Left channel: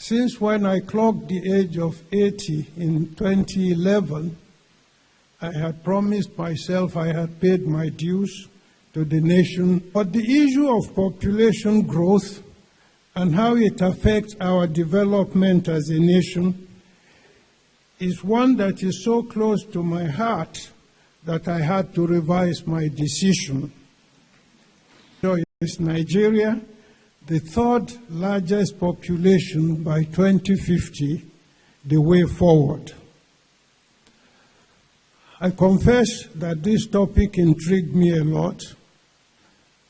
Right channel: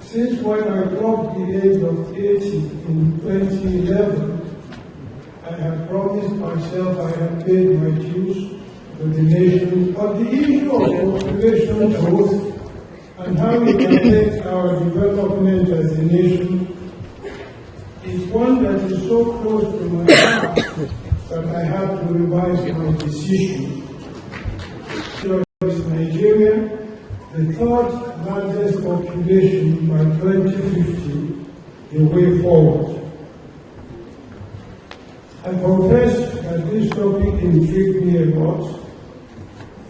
Since when I clocked the age of 80 in 2011, I had promised myself I had paid my dues to the nation. But the issue of population growth and how it affects our development as a nation is one that is so close to my heart that I had to revise my decision. So it's Nigeria, the third largest population by 2050, the way forward. I confess that this topic intrigued me a lot.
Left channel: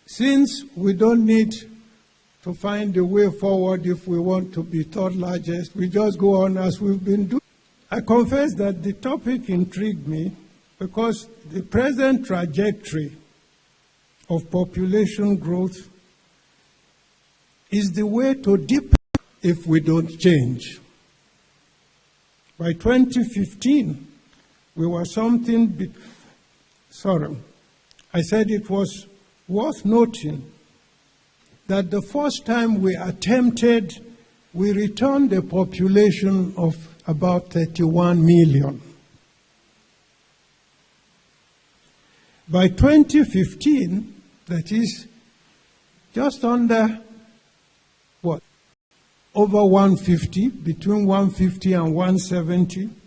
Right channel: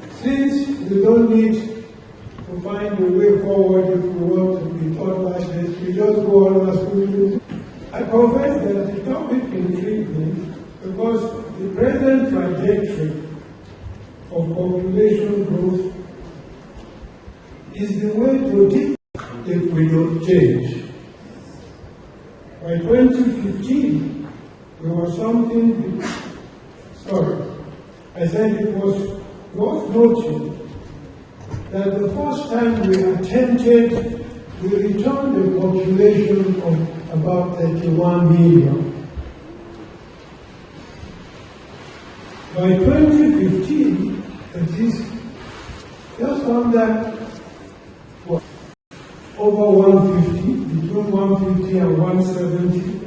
Since we don't need to find a way forward if we want to be third largest, we just go on as we've been doing. I confess that the topic intrigued me because the present trajectory of population growth is the way to deepen if we don't change. By 2015, we were something, I said it was worth noting that the first time we attempted, we returned a population of about 31 million. By 2015, that is just under, over 150, between 150 and 170,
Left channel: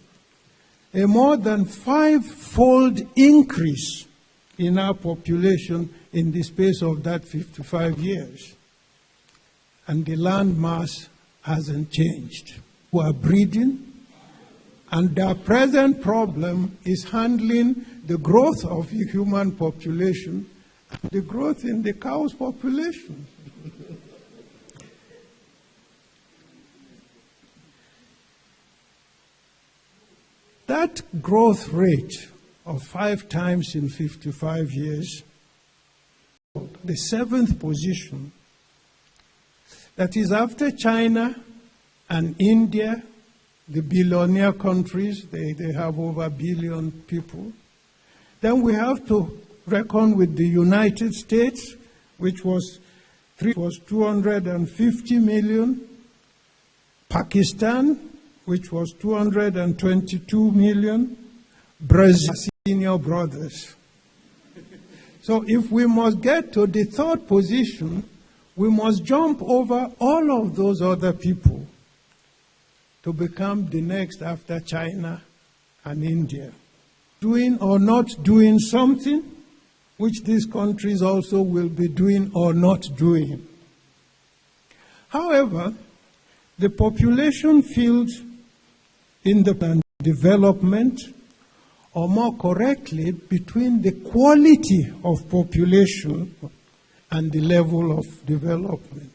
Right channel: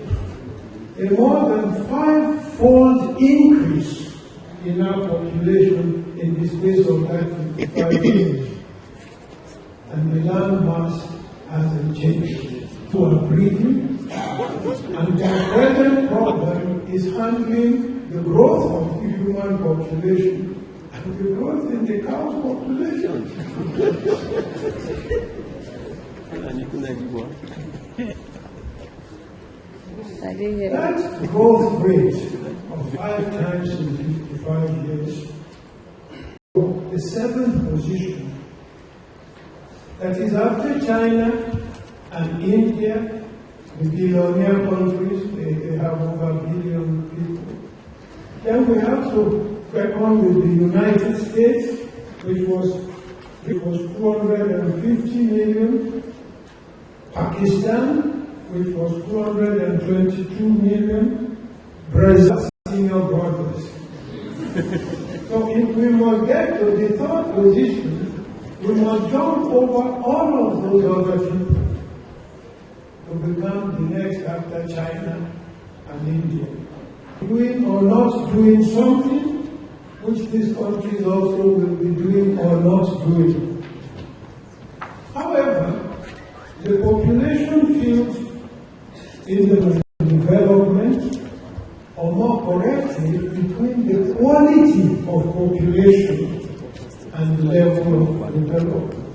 a more than 5-fold increase in our population in the space of that 55 years. And the land mass hasn't changed. We are breeding, and their present problem is handling the growth of the human population and the growth in the cow's population. That growth rate of 5 times in 55 years, the 7th position, that is after China and India, the billionaire countries, they have over 1 billion people. Then we have to reckon with the United States, which was 250 million, Pakistan, which was 222 million, Brazil, senior brothers. So if we must get to the 3rd position, we must jump over all of those other people to become the next after China and India. Doing or not doing something which these countries also will be doing or not doing. However, the population field in the development, or more correctly, between the quality of population and the level of development.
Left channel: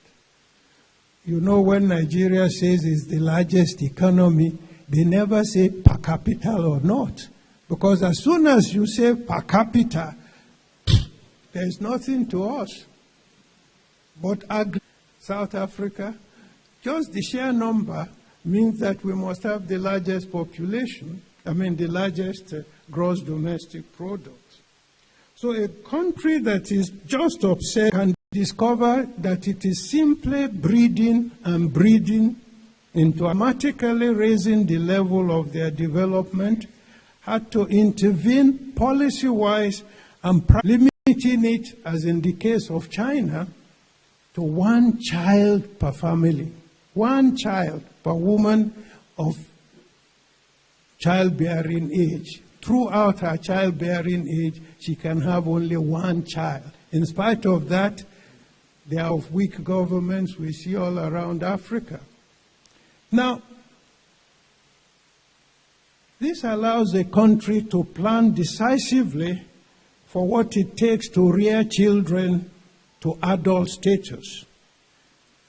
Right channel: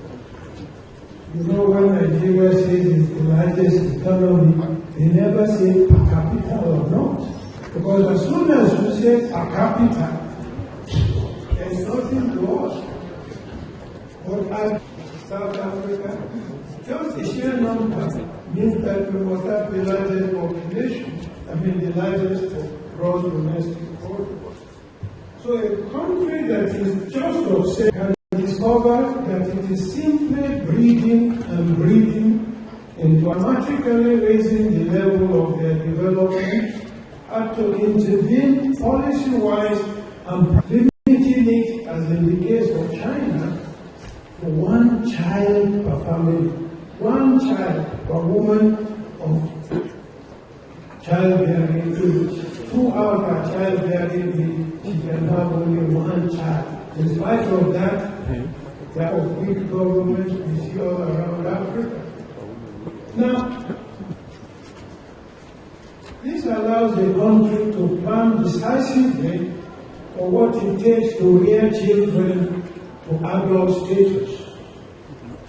You know, when Nigeria says it's the largest economy, they never say per capita or not. Because as soon as you say per capita, there's nothing to us. But South Africa, just the sheer number means that we must have the largest population, the largest gross domestic product. So a country that is just obsessed can discover that it is simply breeding and breeding into automatically raising the level of their development, had to intervene policy-wise and limiting it, as in the case of China, to 1 child per family. 1 child per woman of childbearing age. Throughout her childbearing age, she can have only 1 child. In spite of that, there are weak governments we see all around Africa. Now, this allows a country to plan decisively for what it takes to rear children to adult status.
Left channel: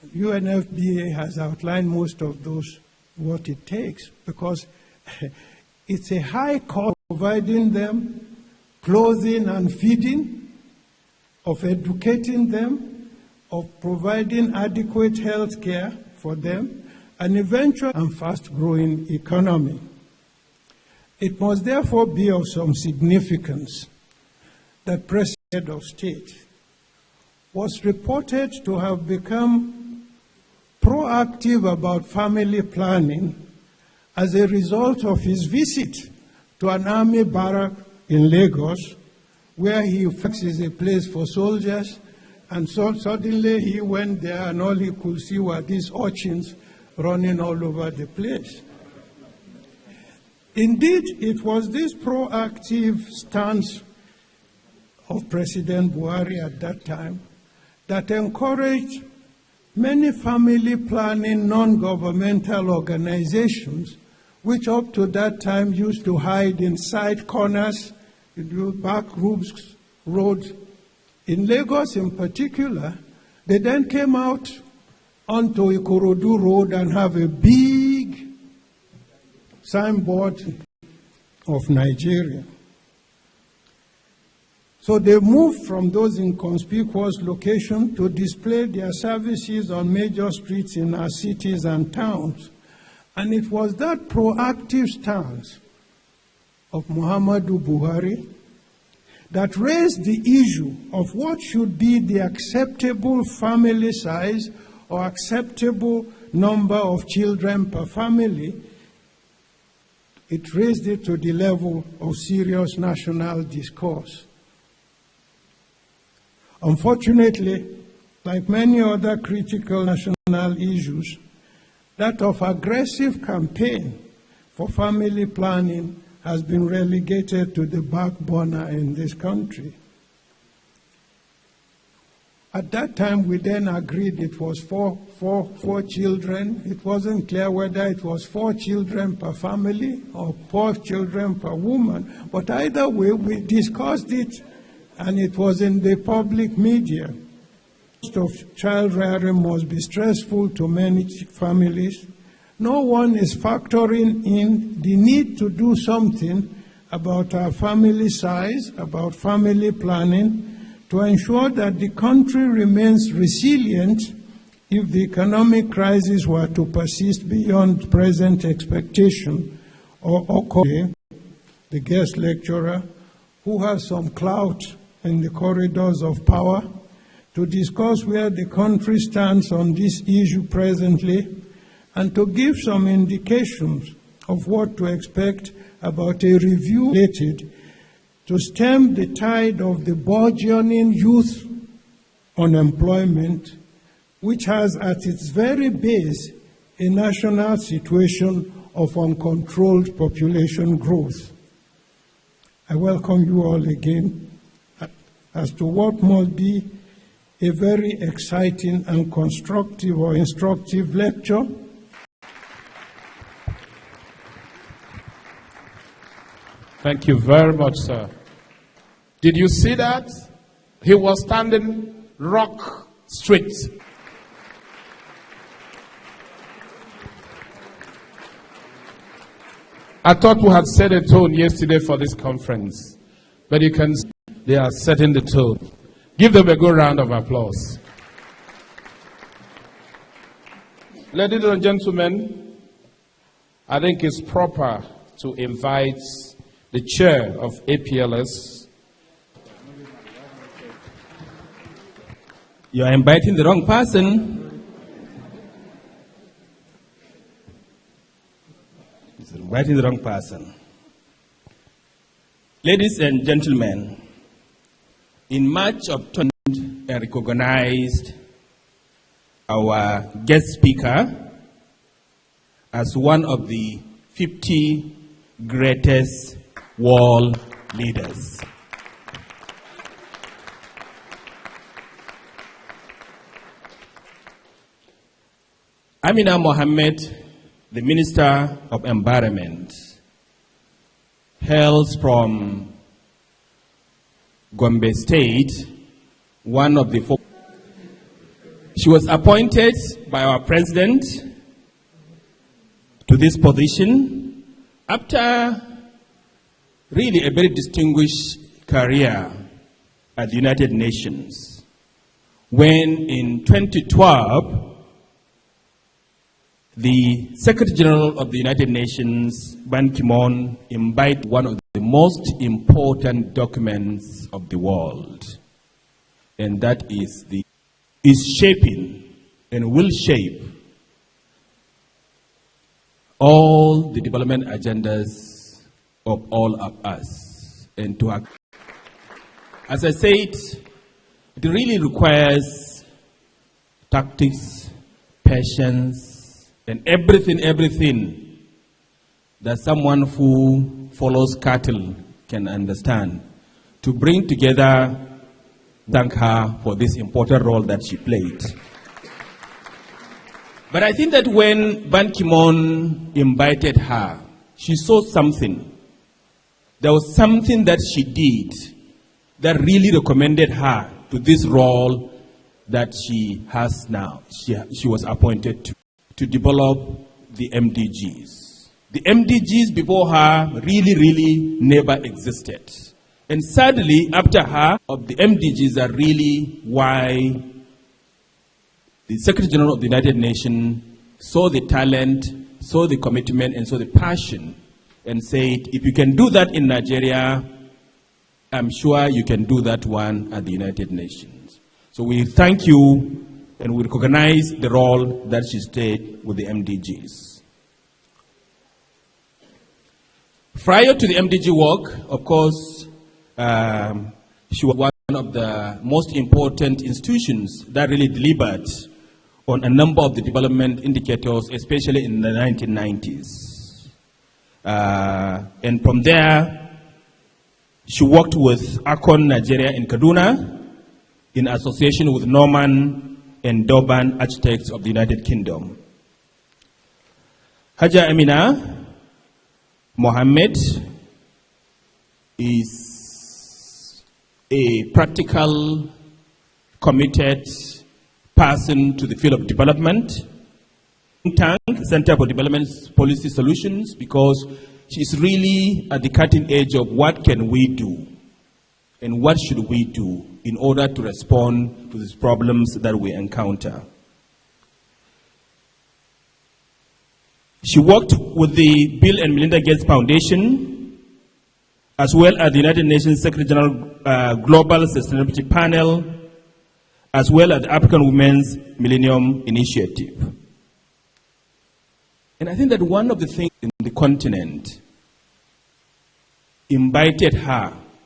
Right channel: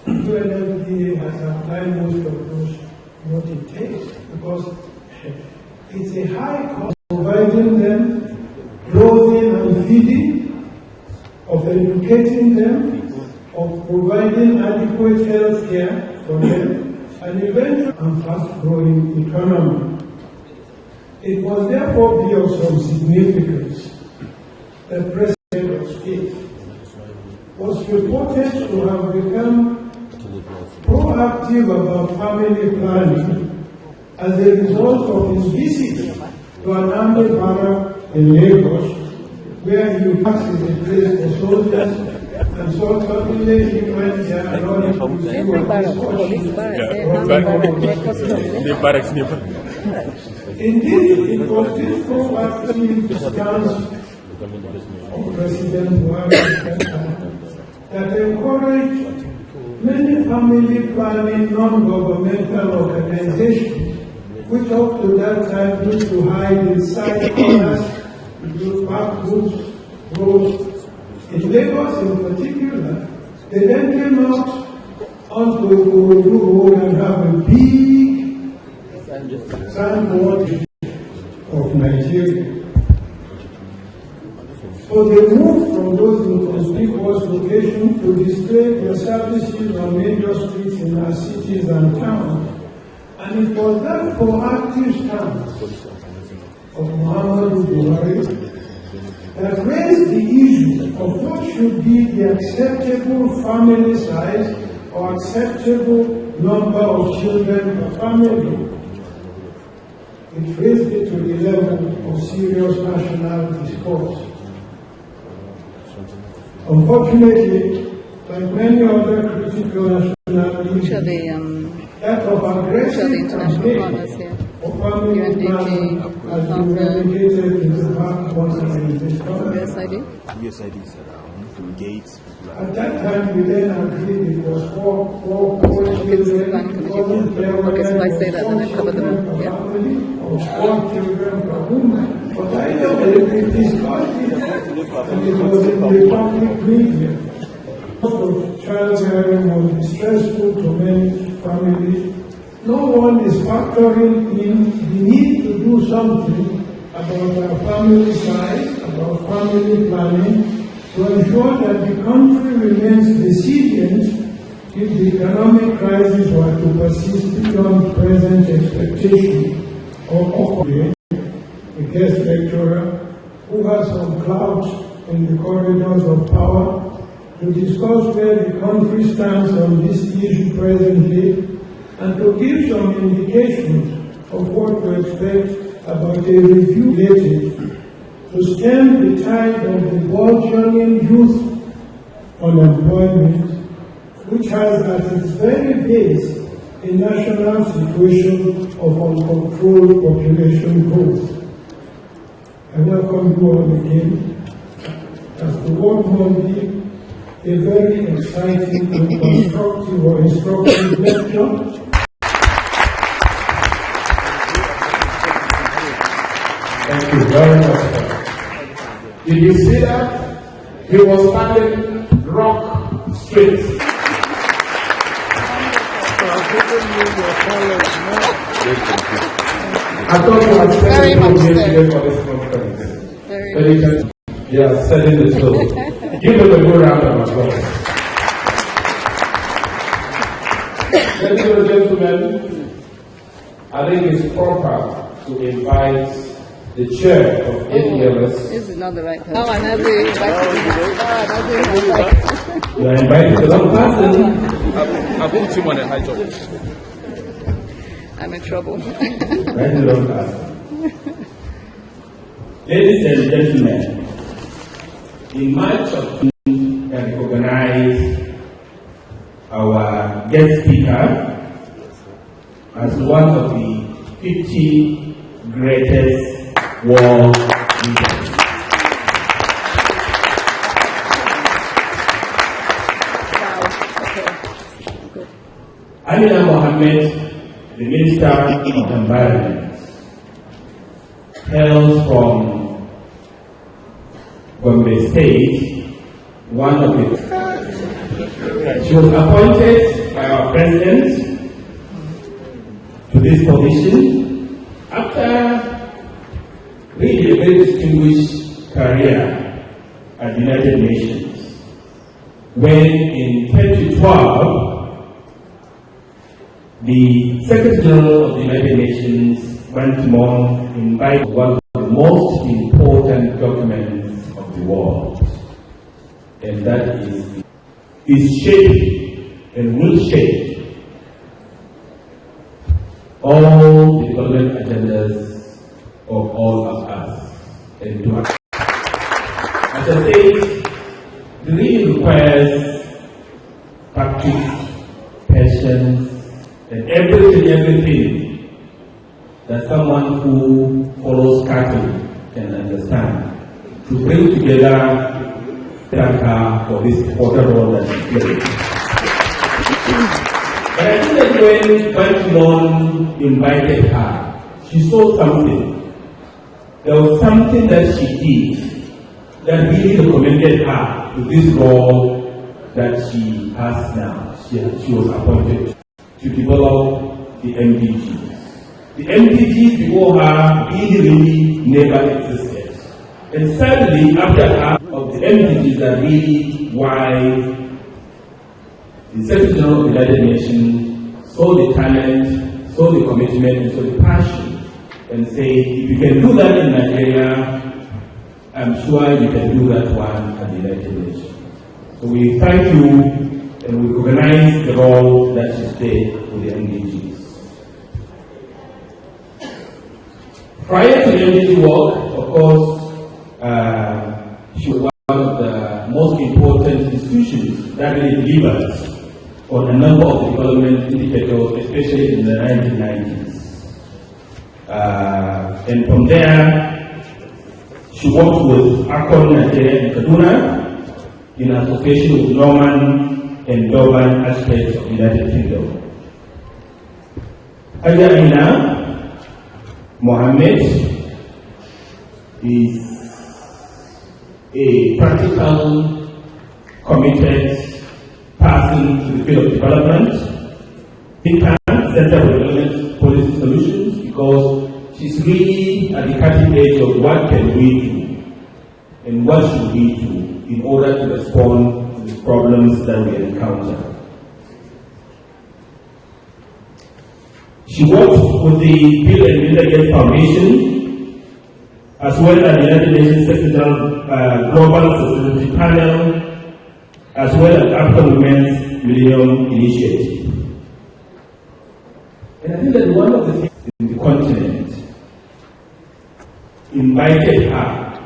UNFPA has applied most of those what it takes, because it's a high cost providing them clothing and feeding, of educating them, of providing adequate health care for them, and eventually and fast-growing economy. It must therefore be of some significance that President of State was reported to have become proactive about family planning as a result of his visit to an army barrack in Lagos, where he passes a place for soldiers, and so suddenly he went there running to see what this watching running over. Indeed, it was this proactive stance of President Buhari at that time that encouraged many family planning non-governmental organizations, which up to that time used to hide inside corners, park groups, roads. In Lagos in particular, they then came out onto a Ikorodu road and have a big signboard of Nigeria. So they moved from those inconspicuous locations to display their services on major streets in our cities and towns. And it was that proactive stance of Muhammadu Buhari that raised the issue of what should be the acceptable family size or acceptable number of children per family. It raised it to the level of serious national discourse. Unfortunately, like many other critical national issues, that of aggressive campaign for family planning has been relegated to the back burner in this country. Yes, I do. Yes, I do, sir. Gates. At that time, we then agreed it was four children. It wasn't clear whether it was 4 children per family or 4 children per woman. But either way, we discussed it, and it was in the public media. Of childbearing was distressful to many families. No one is factoring in the need to do something about our family size, about family planning, to ensure that the country remains resilient if the economic crisis were to persist beyond present expectation. Or the guest lecturer, who has some clout in the corridors of power, to discuss where the country stands on this issue presently, and to give some indications of what to expect about a review related to stem the tide of the burgeoning youth unemployment, which has at its very base a national situation of uncontrolled population growth. I welcome you all again as to what might be a very exciting and constructive or instructive lecture. Thank you very much, sir. Did you see that? He was standing rock straight. I thought you had set the tone yesterday for this conference. But you can see they are setting the tone. Give them a good round of applause. Ladies and gentlemen, I think it's proper to invite the chair of APLS. This is not the right person. Oh, another invite. You are inviting the wrong person. I've put him on a high job. I'm in trouble. Inviting the wrong person. Ladies and gentlemen, in March of 2020, I recognized our guest speaker as one of the 50 greatest world leaders. Amina Mohammed, the Minister of Environment, hails from Gombe State, one of the four. She was appointed by our president to this position after really a very distinguished career at the United Nations, when in 2012 the Secretary General of the United Nations, Ban Ki-moon, imbibed one of the most important documents of the world, and that is shaping and will shape all the development agendas of all of us into account. As I said, it really requires tactics, patience, and everything that someone who follows cattle can understand to bring together that for this important role that she played. But I think that when Ban Ki-moon invited her, she saw something. There was something that she did that really recommended her to this role that she has now. She was appointed to develop the MDGs. The MDGs before her really never existed. And sadly, after her, the MDGs are really why the Secretary General of the United Nations saw the talent, saw the commitment, and saw the passion, and said, if you can do that in Nigeria, I'm sure you can do that one at the United Nations. So we thank you, and we recognize the role that she played with the MDGs. Prior to the MDG work, of course, she was one of the most important institutions that really delivered on a number of the development indicators, especially in the 1990s. And from there, she worked with Akon Nigeria in Kaduna in association with Norman and Durban Architects of the United Kingdom. Haja Amina Mohammed is a practical, committed person to the field of development. Center for Development Policy Solutions, because she's really at the cutting edge of what can we do and what should we do in order to respond to these problems that we encounter. She worked with the Bill and Melinda Gates Foundation, as well as the United Nations Secretary General Global Sustainability Panel, as well as the African Women's Millennium Initiative. And I think that one of the things in the continent invited her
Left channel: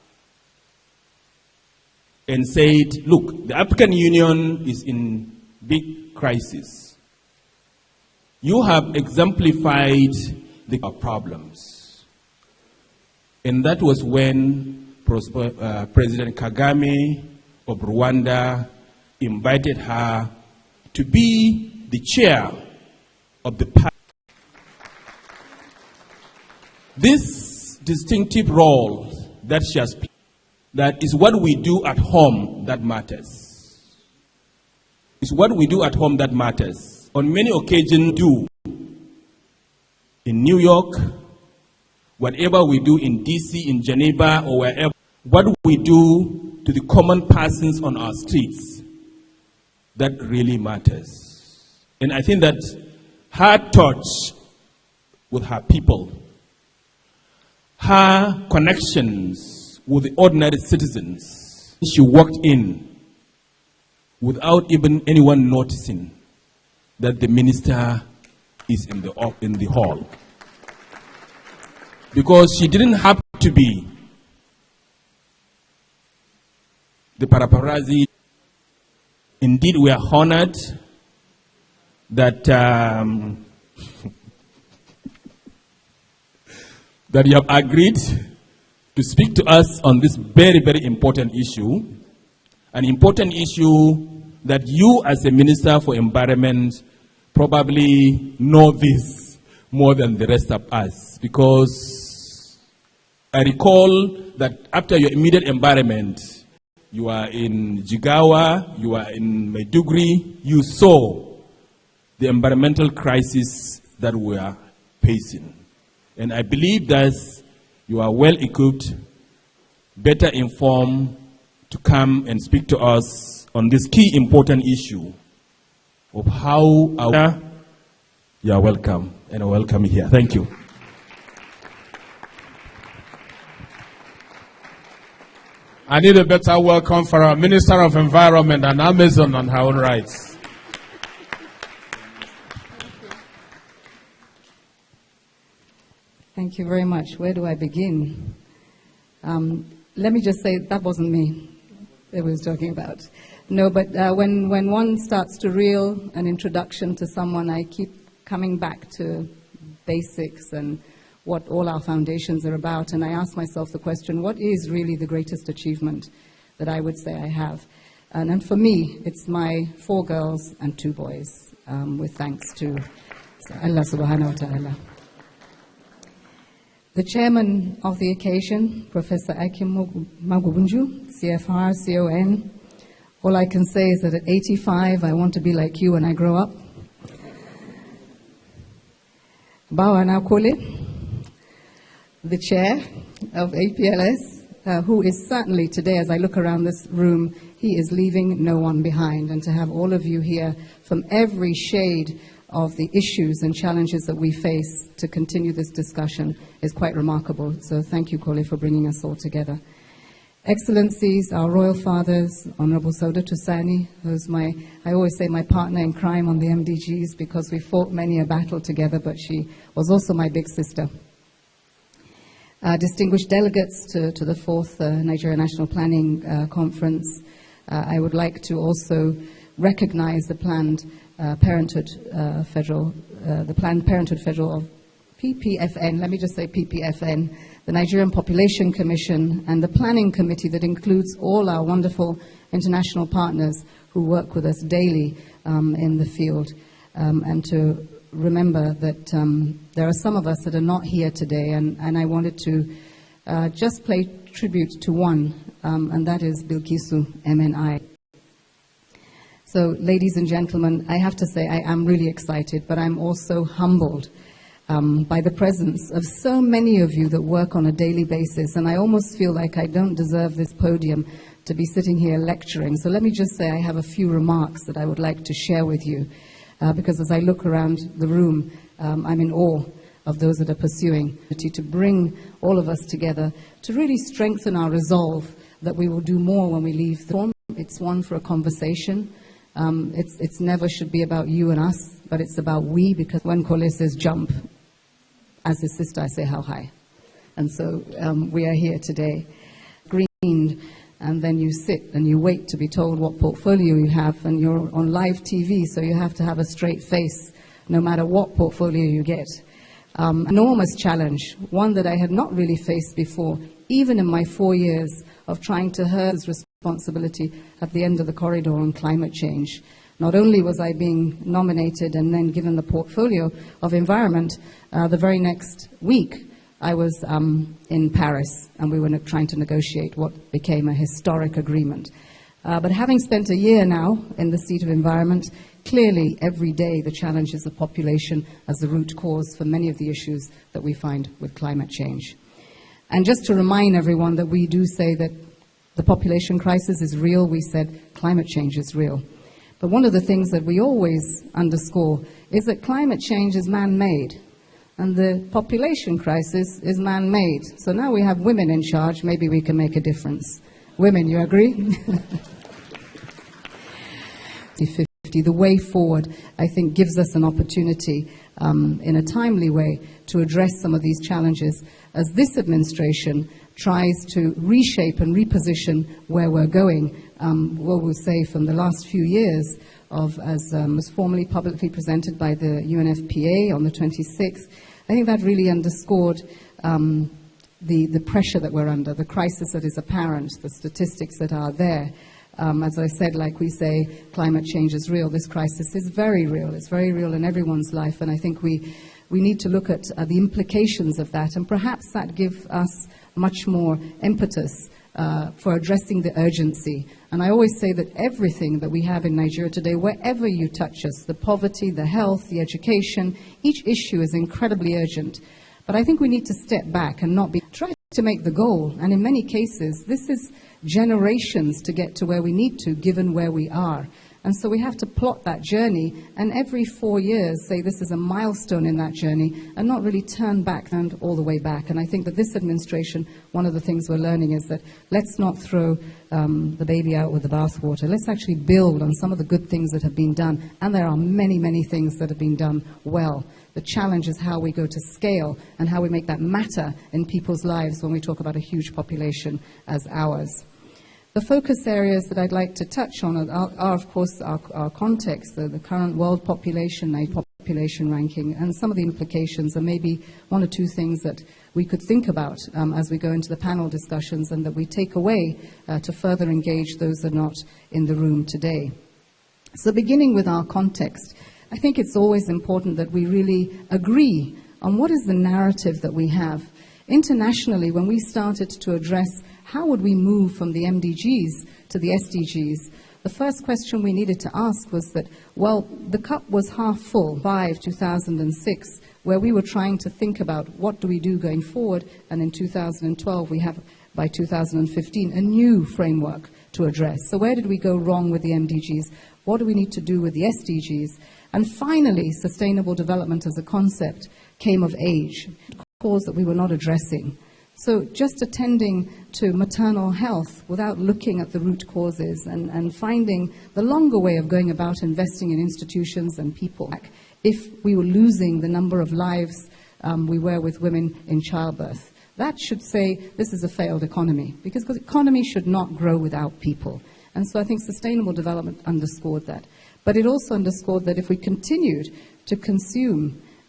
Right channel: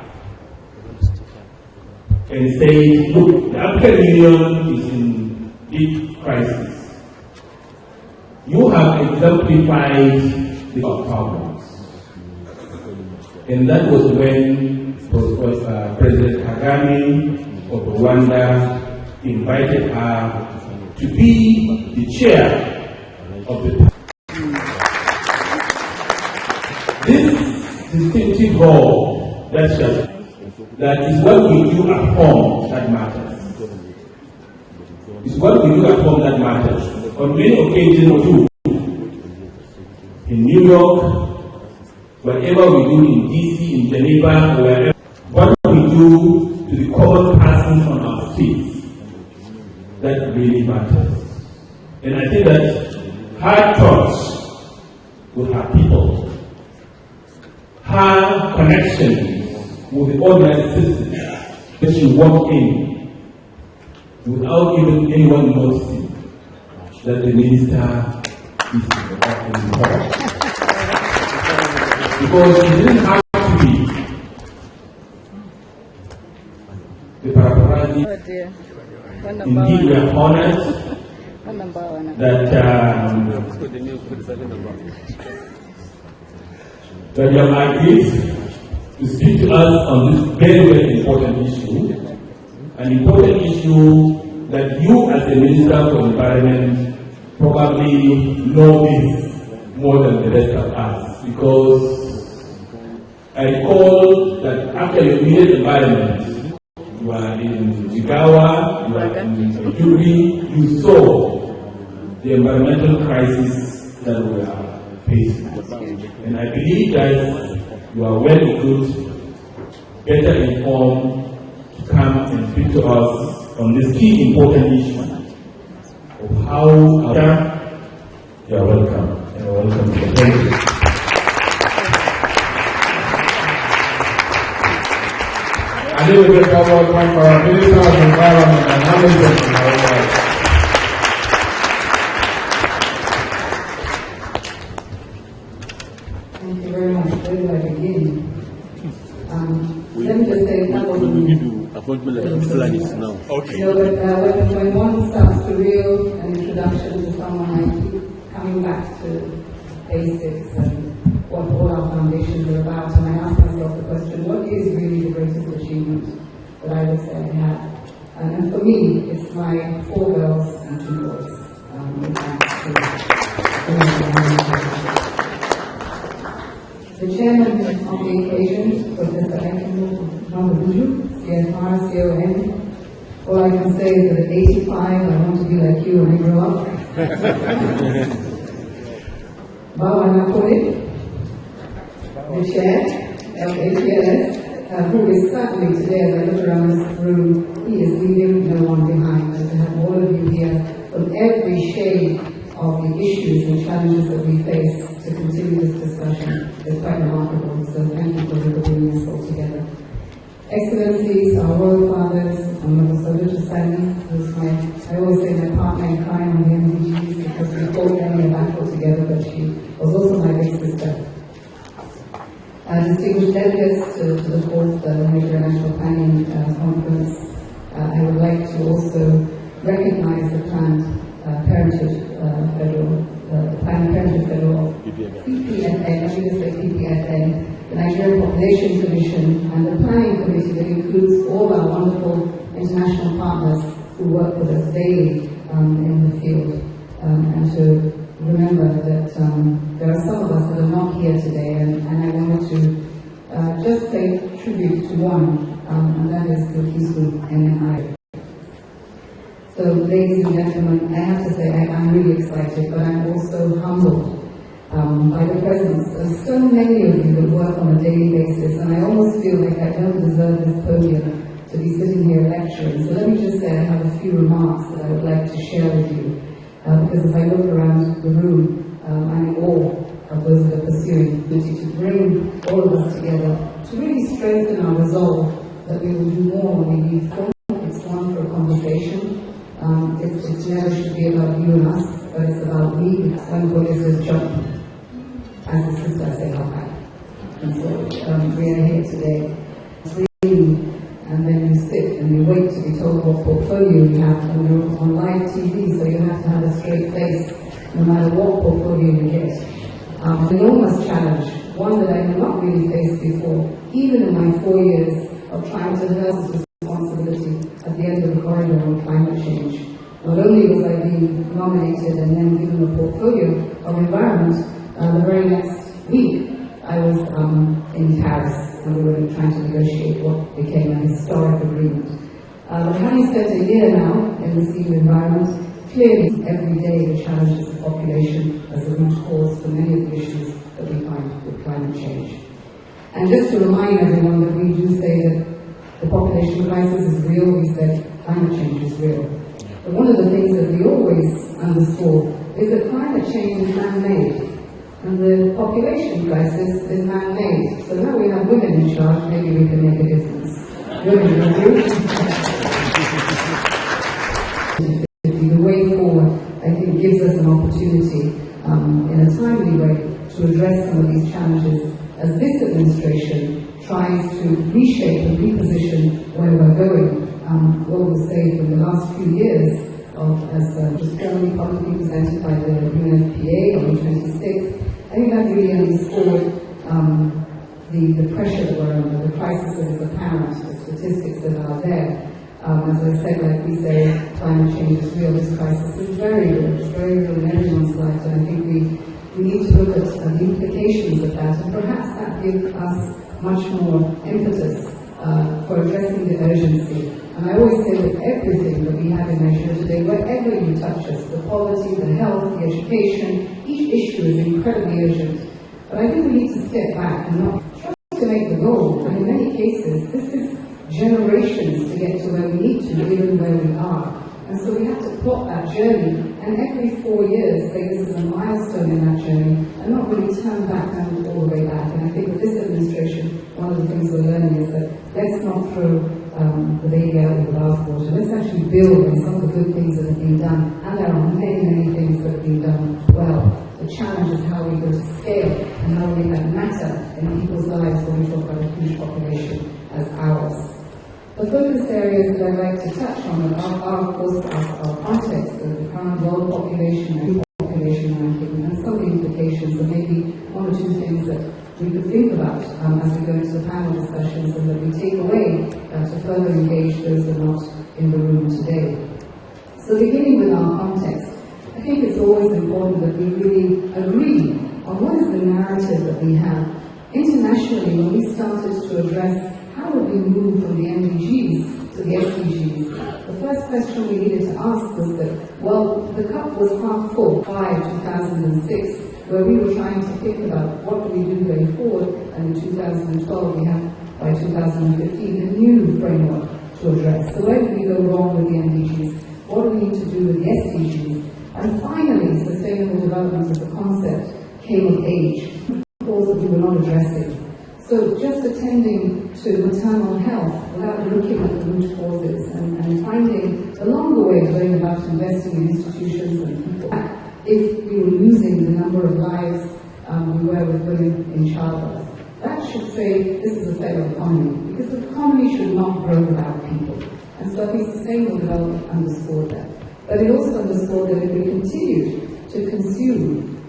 and said, look, the African Union is in big crisis. You have exemplified the problems. And that was when President Kagame of Rwanda invited her to be the chair of the party. This distinctive role that she has, that is what we do at home that matters. It's what we do at home that matters. On many occasions too, in New York, whatever we do in DC, in Geneva, or wherever, what we do to the common persons on our streets, that really matters. And I think that her touch with her people, her connections with the ordinary citizens, she walked in without even anyone noticing that the minister is in the hall. Because she didn't have to be the paparazzi. Indeed, we are honored that that you have agreed to speak to us on this very, very important issue. An important issue that you as a Minister for Environment probably know this more than the rest of us, because I recall that after your immediate environment, you are in Jigawa, you are in Maiduguri, you saw the environmental crisis that we are facing. And I believe that you are well equipped, better informed to come and speak to us on this key important issue of how you are welcome, and I welcome you. Thank you. I need a better welcome for our Minister of Environment and Amazon on our right. you very much. Where do I begin? Let me just say that wasn't me. now. Okay. No, but when one starts to reel an introduction to someone, I keep coming back to basics and what all our foundations are about, and I ask myself the question, what is really the greatest achievement that I would say I have? And for me, it's my 4 girls and 2 boys, with thanks to the chairman of the occasion, Professor Akim Mahuduju, CFR, CON. All I can say is that at 85, I want to be like you when I grow up. Bawana Pole, the chair of APLS, who is certainly today, as I look around this room, he is leaving no one behind. And to have all of you here from every shade of the issues and challenges that we face to continue this discussion is quite remarkable. So thank you, Pole, for bringing us all together. Excellencies, our royal fathers, Honorable Saudatu Sani, who's I always say my partner in crime on the MDGs because we fought many a battle together, but she was also my big sister. Distinguished delegates to the 4th Nigeria National Planning Conference, I would like to also recognize the Planned Parenthood Federal PPFN, let me just say PPFN, the Nigerian Population Commission, and the Planning Committee that includes all our wonderful international partners who work with us daily in the field, and to remember that there are some of us that are not here today, and I wanted to just pay tribute to one, and that is Bilkisu MNI. So, ladies and gentlemen, I have to say I am really excited, but I'm also humbled by the presence of so many of you that work on a daily basis, and I almost feel like I don't deserve this podium to be sitting here lecturing. So let me just say I have a few remarks that I would like to share with you, because as I look around the room, I'm in awe of those that are pursuing to bring all of us together to really strengthen our resolve that we will do more when we leave Thorn. It's one for a conversation. It's never should be about you and us, but it's about we, because when Kole says jump, as a sister I say how high. And so we are here today, green, and then you sit and you wait to be told what portfolio you have, and you're on live TV, so you have to have a straight face no matter what portfolio you get. Enormous challenge, one that I have not really faced before, even in my 4 years of trying to herd responsibility at the end of the corridor on climate change. Not only was I being nominated and then given the portfolio of environment, the very next week I was in Paris, and we were trying to negotiate what became a historic agreement. But having spent a year now in the seat of environment, clearly every day the challenges of population as the root cause for many of the issues that we find with climate change. And just to remind everyone that we do say that the population crisis is real, we said climate change is real. But one of the things that we always underscore is that climate change is man-made, and the population crisis is man-made. So now we have women in charge, maybe we can make a difference. Women, you agree? The way forward, I think, gives us an opportunity in a timely way to address some of these challenges as this administration tries to reshape and reposition where we're going. What we'll say from the last few years as was formally publicly presented by the UNFPA on the 26th, I think that really underscored the pressure that we're under, the crisis that is apparent, the statistics that are there. As I said, like we say, climate change is real. This crisis is very real. It's very real in everyone's life, and I think we need to look at the implications of that, and perhaps that gives us much more impetus for addressing the urgency. And I always say that everything that we have in Nigeria today, wherever you touch us, the poverty, the health, the education, each issue is incredibly urgent. But I think we need to step back and not be trying to make the goal. And in many cases, this is generations to get to where we need to, given where we are. And so we have to plot that journey, and every 4 years say this is a milestone in that journey, and not really turn back and all the way back. And I think with this administration, one of the things we're learning is that let's not throw the baby out with the bathwater. Let's actually build on some of the good things that have been done, and there are many, many things that have been done well. The challenge is how we go to scale and how we make that matter in people's lives when we talk about a huge population as ours. The focus areas that I'd like to touch on are of course, our context, the current world population ranking, and some of the implications, and maybe one or two things that we could think about as we go into the panel discussions and that we take away to further engage those that are not in the room today. So beginning with our context, I think it's always important that we really agree on what is the narrative that we have. Internationally, when we started to address how would we move from the MDGs to the SDGs, the first question we needed to ask was that, well, the cup was half full by 2006, where we were trying to think about what do we do going forward, and in 2012 we have, by 2015, a new framework to address. So where did we go wrong with the MDGs? What do we need to do with the SDGs? And finally, sustainable development as a concept came of age, a cause that we were not addressing. So just attending to maternal health without looking at the root causes and finding the longer way of going about investing in institutions and people. If we were losing the number of lives we were with women in childbirth, that should say this is a failed economy, because the economy should not grow without people. And so I think sustainable development underscored that. But it also underscored that if we continued to consume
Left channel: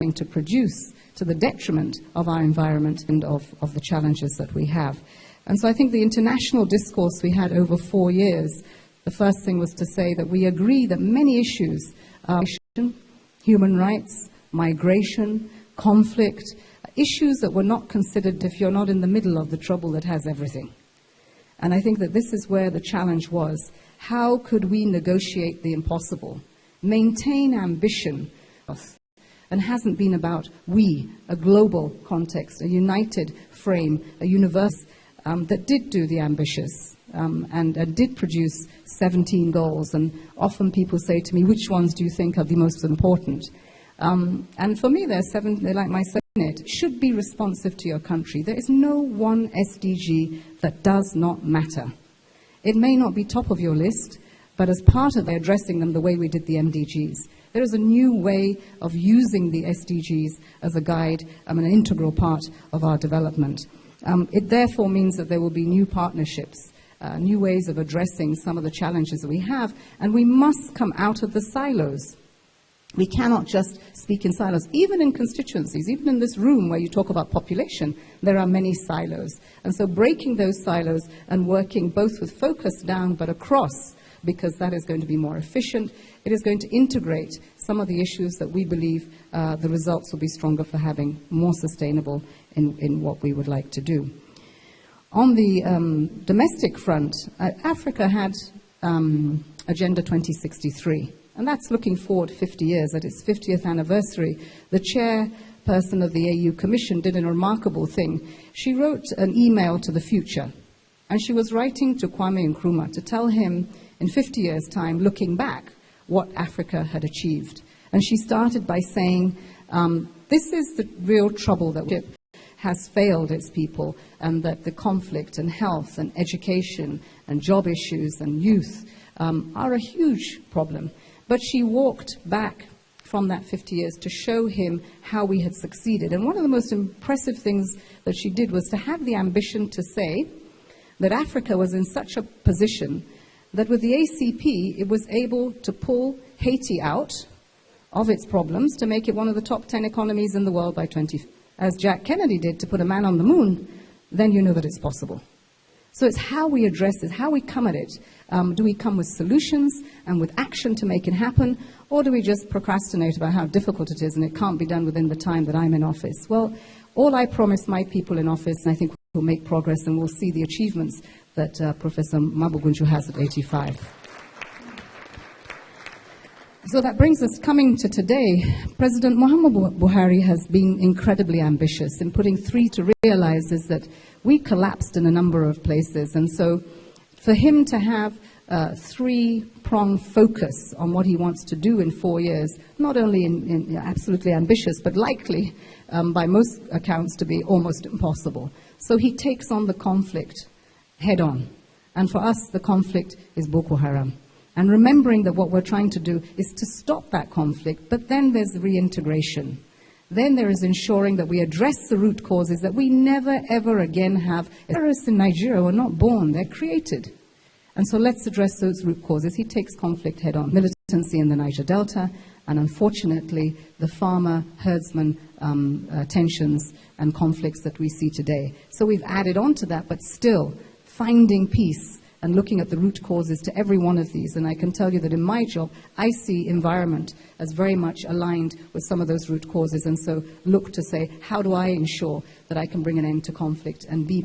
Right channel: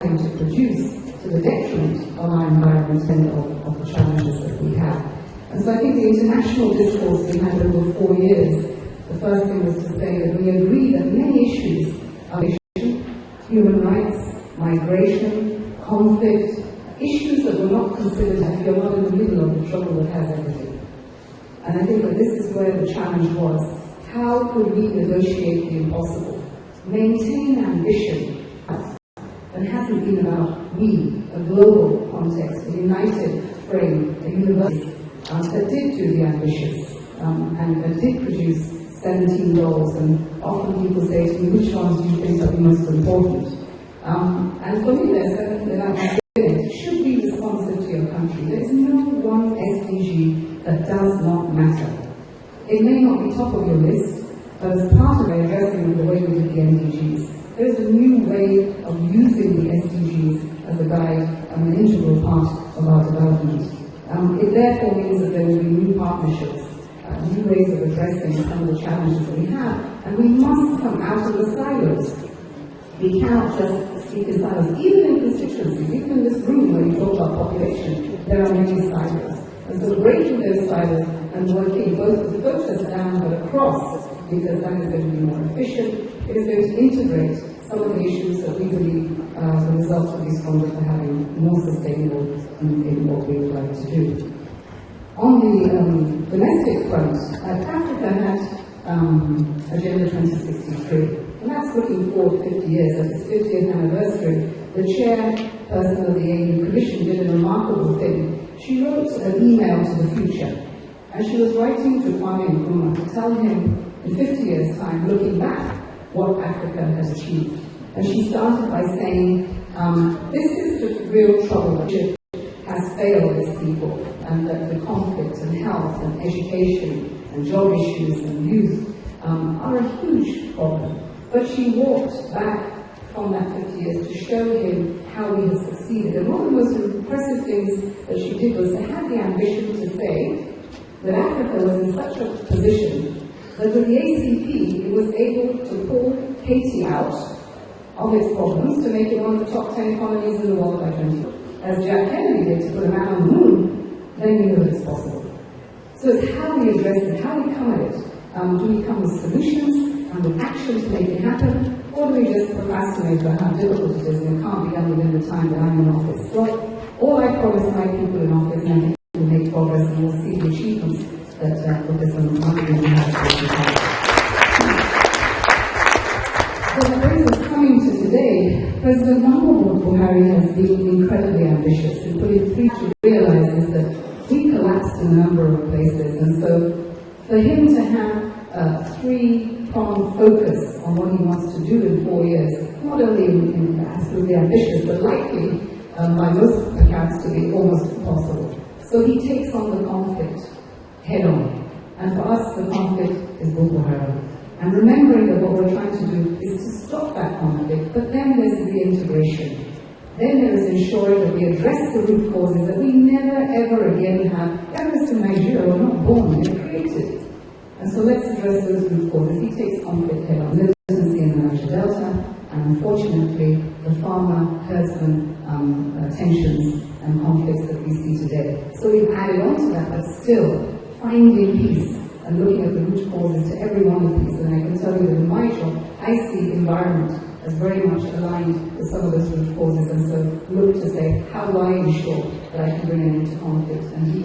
and to produce to the detriment of our environment and of the challenges that we have. And so I think the international discourse we had over 4 years, the first thing was to say that we agree that many issues are human rights, migration, conflict, issues that were not considered if you're not in the middle of the trouble that has everything. And I think that this is where the challenge was. How could we negotiate the impossible? Maintain ambition. And hasn't been about we, a global context, a united frame, a universe that did do the ambitious and did produce 17 goals. And often people say to me, which ones do you think are the most important? And for me, there's 7, they like my saying it should be responsive to your country. There is no one SDG that does not matter. It may not be top of your list, but as part of addressing them the way we did the MDGs, there is a new way of using the SDGs as a guide and an integral part of our development. It therefore means that there will be new partnerships, new ways of addressing some of the challenges that we have, and we must come out of the silos. We cannot just speak in silos. Even in constituencies, even in this room where you talk about population, there are many silos. And so breaking those silos and working both with focus down but across, because that is going to be more efficient, it is going to integrate some of the issues that we believe the results will be stronger for having more sustainable in what we would like to do. On the domestic front, Africa had Agenda 2063, and that's looking forward 50 years. At its 50th anniversary, the chairperson of the AU Commission did a remarkable thing. She wrote an email to the future, and she was writing to Kwame Nkrumah to tell him, in 50 years' time, looking back, what Africa had achieved. And she started by saying, this is the real trouble that has failed its people, and that the conflict and health and education and job issues and youth are a huge problem. But she walked back from that 50 years to show him how we had succeeded. And one of the most impressive things that she did was to have the ambition to say that Africa was in such a position that with the ACP, it was able to pull Haiti out of its problems to make it one of the top 10 economies in the world by 2040. As Jack Kennedy did to put a man on the moon, then you know that it's possible. So it's how we address it, how we come at it. Do we come with solutions and with action to make it happen, or do we just procrastinate about how difficult it is and it can't be done within the time that I'm in office? Well, all I promise my people in office, and I think we'll make progress and we'll see the achievements that Professor Muggeridge will have to talk about. So that brings us coming to today. President Muhammadu Buhari has been incredibly ambitious in putting 3 to realize is that we collapsed in a number of places, and so for him to have a 3-pronged focus on what he wants to do in 4 years, not only absolutely ambitious, but likely, by most accounts, to be almost impossible. So he takes on the conflict head on. And for us, the conflict is Boko Haram. And remembering that what we're trying to do is to stop that conflict, but then there's reintegration. Then there is ensuring that we address the root causes, that we never ever again have terrorists in Nigeria were not born, they're created. And so let's address those root causes. He takes conflict head on. Militancy in the Niger Delta, and unfortunately the farmer-herdsman tensions and conflicts that we see today. So we've added on to that, but still finding peace and looking at the root causes to every one of these. And I can tell you that in my job, I see environment as very much aligned with some of those root causes, and so look to say, how do I ensure that I can bring an end to conflict and be,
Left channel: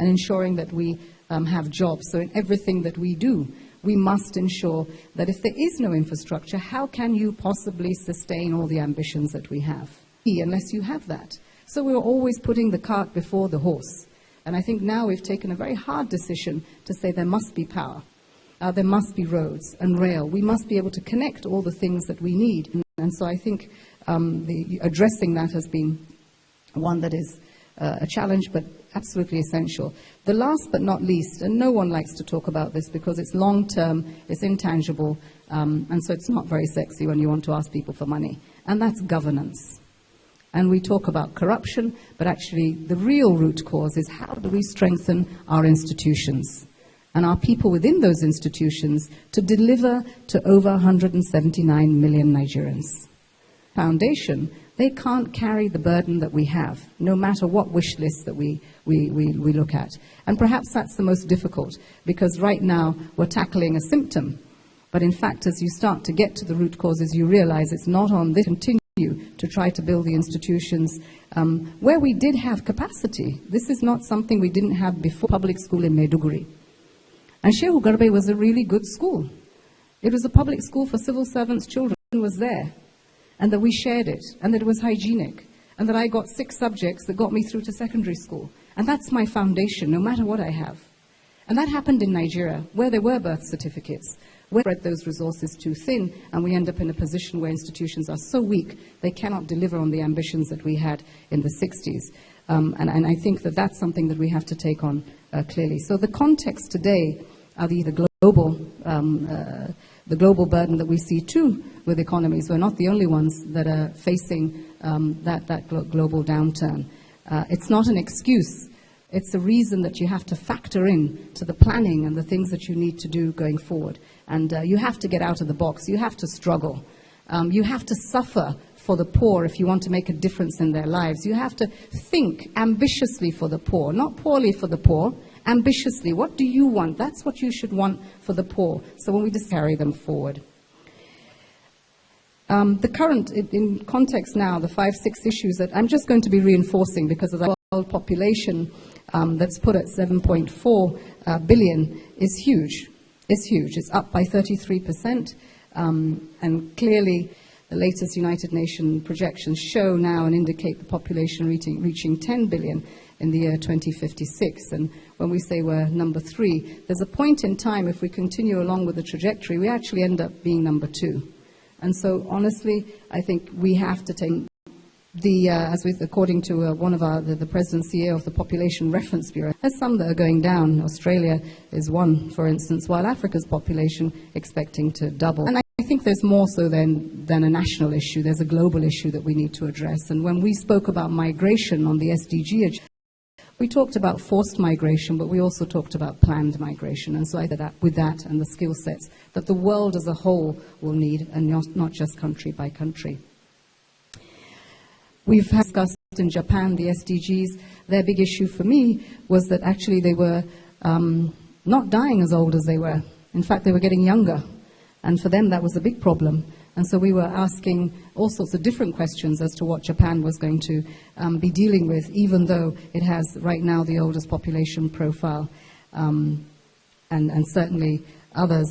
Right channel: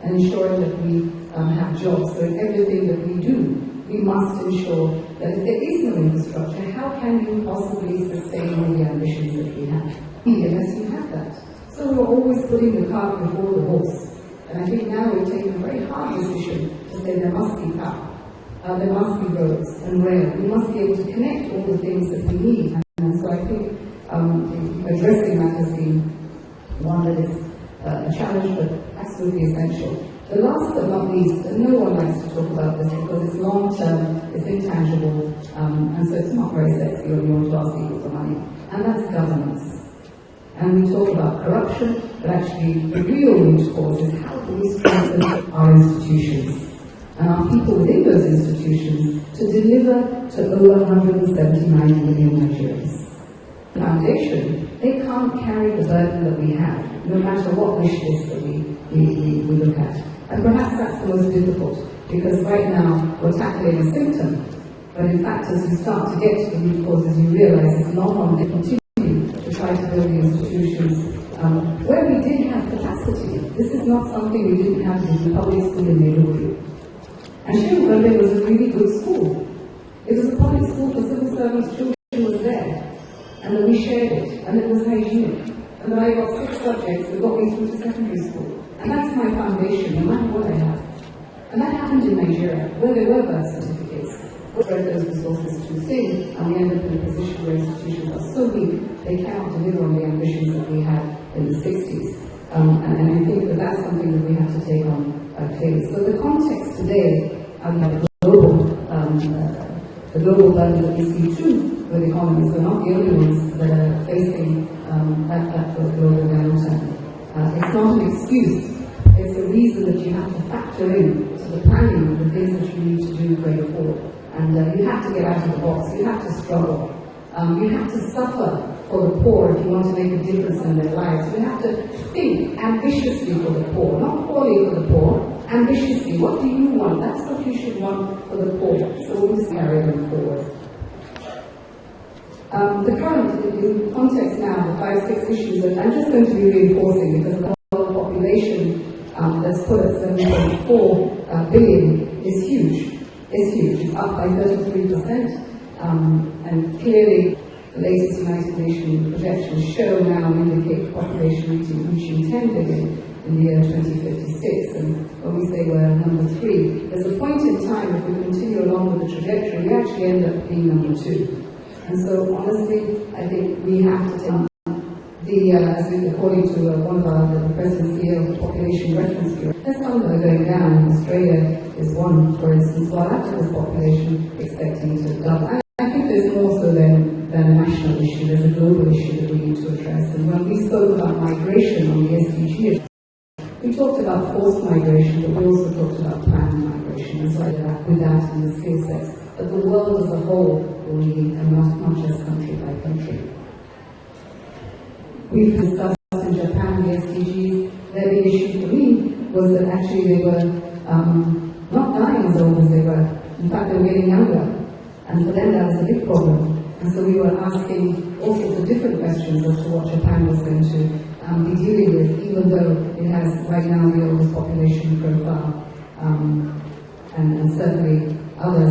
and ensuring that we have jobs. So in everything that we do, we must ensure that if there is no infrastructure, how can you possibly sustain all the ambitions that we have? Unless you have that. So we're always putting the cart before the horse. And I think now we've taken a very hard decision to say there must be power. There must be roads and rail. We must be able to connect all the things that we need. And so I think addressing that has been one that is a challenge, but absolutely essential. The last but not least, and no one likes to talk about this because it's long-term, it's intangible, and so it's not very sexy when you want to ask people for money, and that's governance. And we talk about corruption, but actually the real root cause is how do we strengthen our institutions and our people within those institutions to deliver to over 179 million Nigerians. Foundation, they can't carry the burden that we have, no matter what wish list that we look at. And perhaps that's the most difficult, because right now we're tackling a symptom, but in fact as you start to get to the root causes, you realize it's not on this. Continue to try to build the institutions where we did have capacity. This is not something we didn't have before. Public school in Maiduguri. And Shehu Garbe was a really good school. It was a public school for civil servants' children. It was there. And that we shared it, and that it was hygienic, and that I got 6 subjects that got me through to secondary school. And that's my foundation, no matter what I have. And that happened in Nigeria, where there were birth certificates. We spread those resources too thin, and we end up in a position where institutions are so weak, they cannot deliver on the ambitions that we had in the 60s. And I think that that's something that we have to take on clearly. So the context today are the global burden that we see too with economies. We're not the only ones that are facing that global downturn. It's not an excuse. It's a reason that you have to factor in to the planning and the things that you need to do going forward. And you have to get out of the box. You have to struggle. You have to suffer for the poor if you want to make a difference in their lives. You have to think ambitiously for the poor, not poorly for the poor, ambitiously. What do you want? That's what you should want for the poor. So when we just carry them forward. The current, in context now, the 5-6 issues that I'm just going to be reinforcing because of the world population that's put at 7.4 billion is huge. It's huge. It's up by 33%. And clearly, the latest United Nations projections show now and indicate population reaching 10 billion in the year 2056. And when we say we're number 3, there's a point in time, if we continue along with the trajectory, we actually end up being number 2. And so, honestly, I think we have to take according to one of the President CEO of the Population Reference Bureau, there's some that are going down. Australia is one, for instance, while Africa's population expecting to double. And I think there's more so than a national issue. There's a global issue that we need to address. And when we spoke about migration on the SDG agenda, we talked about forced migration, but we also talked about planned migration. And so with that and the skill sets that the world as a whole will need, and not just country by country. We've discussed in Japan the SDGs. Their big issue for me was that actually they were not dying as old as they were. In fact, they were getting younger. And for them, that was a big problem. And so we were asking all sorts of different questions as to what Japan was going to be dealing with, even though it has right now the oldest population profile. And certainly others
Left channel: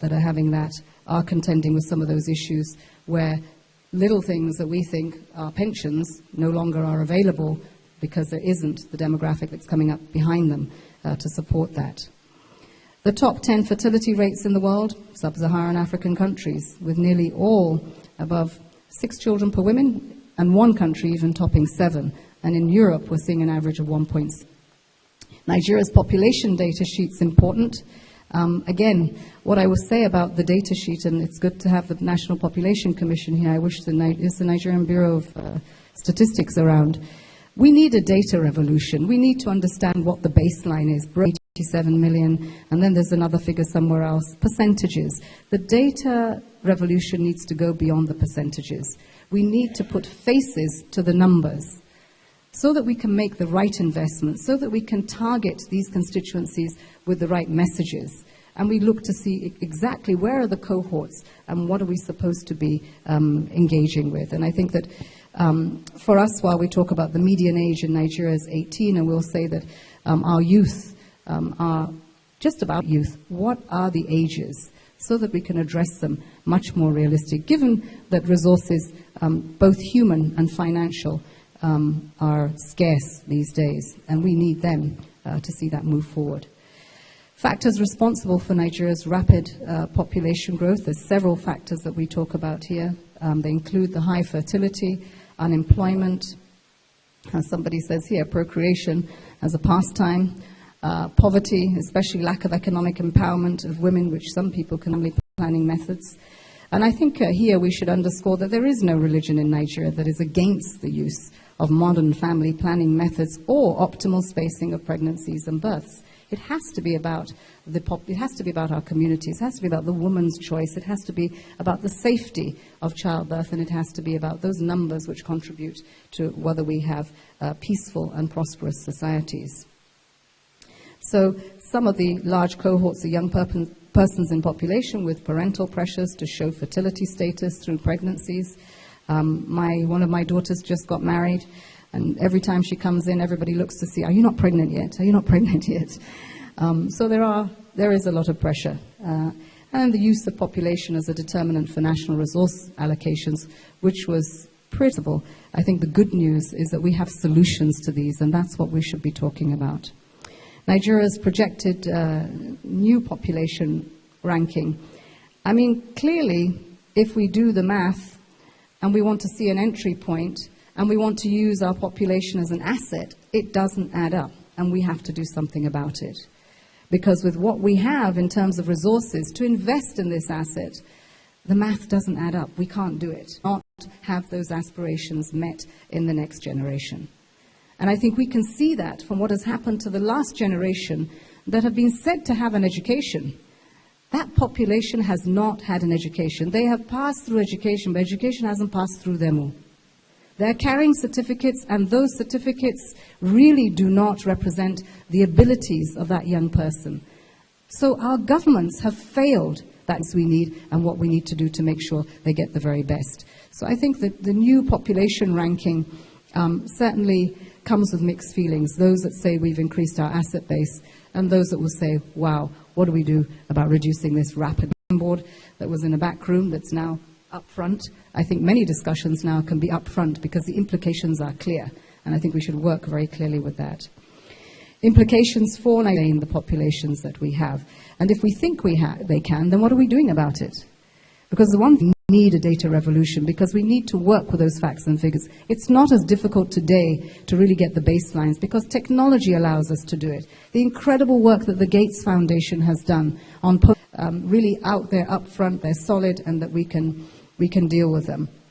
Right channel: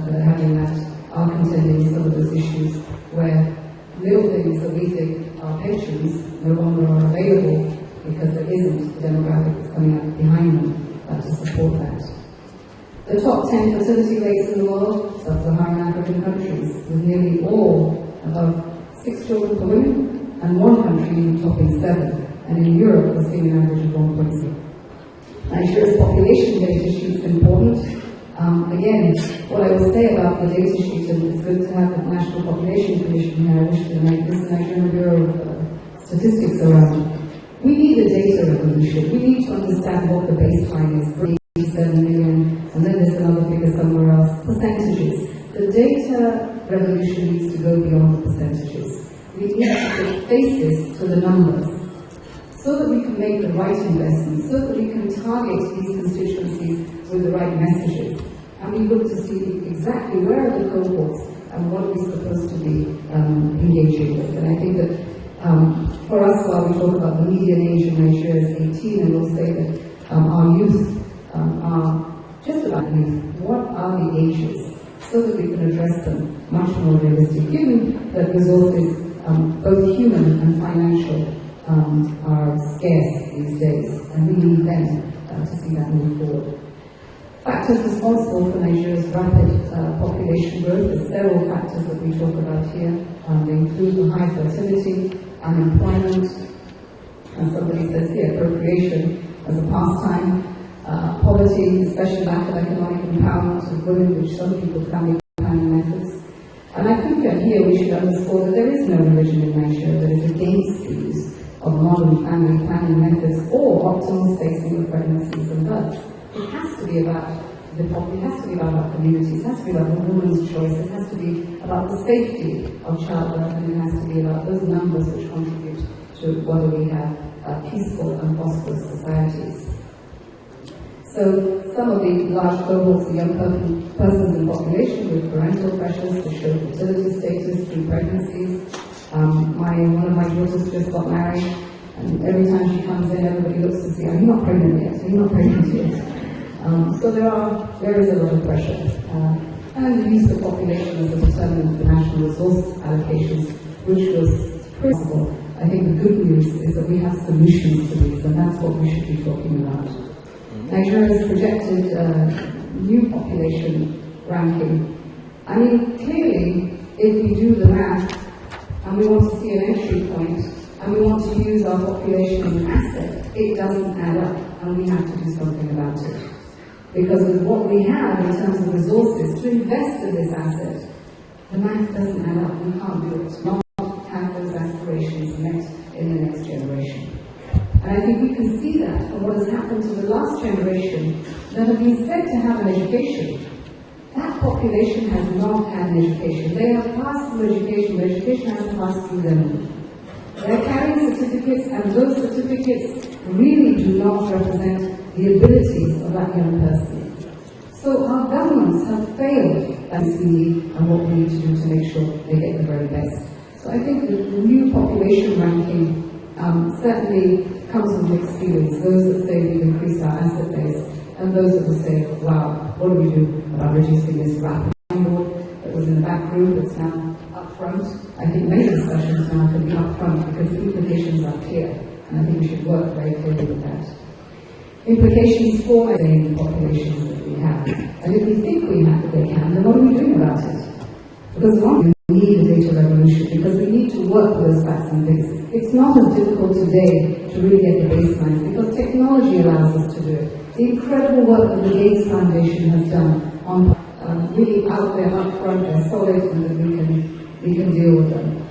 that are having that are contending with some of those issues where little things that we think are pensions no longer are available because there isn't the demographic that's coming up behind them to support that. The top 10 fertility rates in the world, sub-Saharan African countries, with nearly all above 6 children per woman, and one country even topping 7. And in Europe, we're seeing an average of 1.6. Nigeria's population data sheet is important. Again, what I will say about the data sheet, and it's good to have the National Population Commission here, I wish the Nigerian Bureau of Statistics around. We need a data revolution. We need to understand what the baseline is. 87 million, and then there's another figure somewhere else, percentages. The data revolution needs to go beyond the percentages. We need to put faces to the numbers so that we can make the right investments, so that we can target these constituencies with the right messages. And we look to see exactly where are the cohorts and what are we supposed to be engaging with. And I think that for us, while we talk about the median age in Nigeria is 18, and we'll say that our youth are just about youth, what are the ages, so that we can address them much more realistic, given that resources, both human and financial, are scarce these days, and we need them to see that move forward. Factors responsible for Nigeria's rapid population growth, there's several factors that we talk about here. They include the high fertility, unemployment, as somebody says here, procreation as a pastime, poverty, especially lack of economic empowerment of women, which some people can planning methods. And I think here we should underscore that there is no religion in Nigeria that is against the use of modern family planning methods or optimal spacing of pregnancies and births. It has to be about it has to be about our communities, it has to be about the woman's choice, it has to be about the safety of childbirth, and it has to be about those numbers which contribute to whether we have peaceful and prosperous societies. So some of the large cohorts of young persons in population with parental pressures to show fertility status through pregnancies. One of my daughters just got married, and every time she comes in, everybody looks to see, are you not pregnant yet? Are you not pregnant yet? So there is a lot of pressure. And the use of population as a determinant for national resource allocations, which was principal. I think the good news is that we have solutions to these, and that's what we should be talking about. Nigeria's projected new population ranking. I mean, clearly, if we do the math and we want to see an entry point and we want to use our population as an asset, it doesn't add up, and we have to do something about it. Because with what we have in terms of resources to invest in this asset, the math doesn't add up. We can't do it. We can't have those aspirations met in the next generation. And I think we can see that from what has happened to the last generation that have been said to have an education. That population has not had an education. They have passed through education, but education hasn't passed through them. They're carrying certificates, and those certificates really do not represent the abilities of that young person. So our governments have failed. That's what we need, and what we need to do to make sure they get the very best. So I think that the new population ranking certainly comes with mixed feelings. Those that say we've increased our asset base, and those that will say, wow, what do we do about reducing this rapid board that was in the back room that's now up front? I think many discussions now can be up front because the implications are clear, and I think we should work very clearly with that. Implications for the populations that we have. And if we think they can, then what are we doing about it? Because the one thing we need a data revolution, because we need to work with those facts and figures. It's not as difficult today to really get the baselines because technology allows us to do it. The incredible work that the Gates Foundation has done on really out there, up front, they're solid, and that we can deal with them.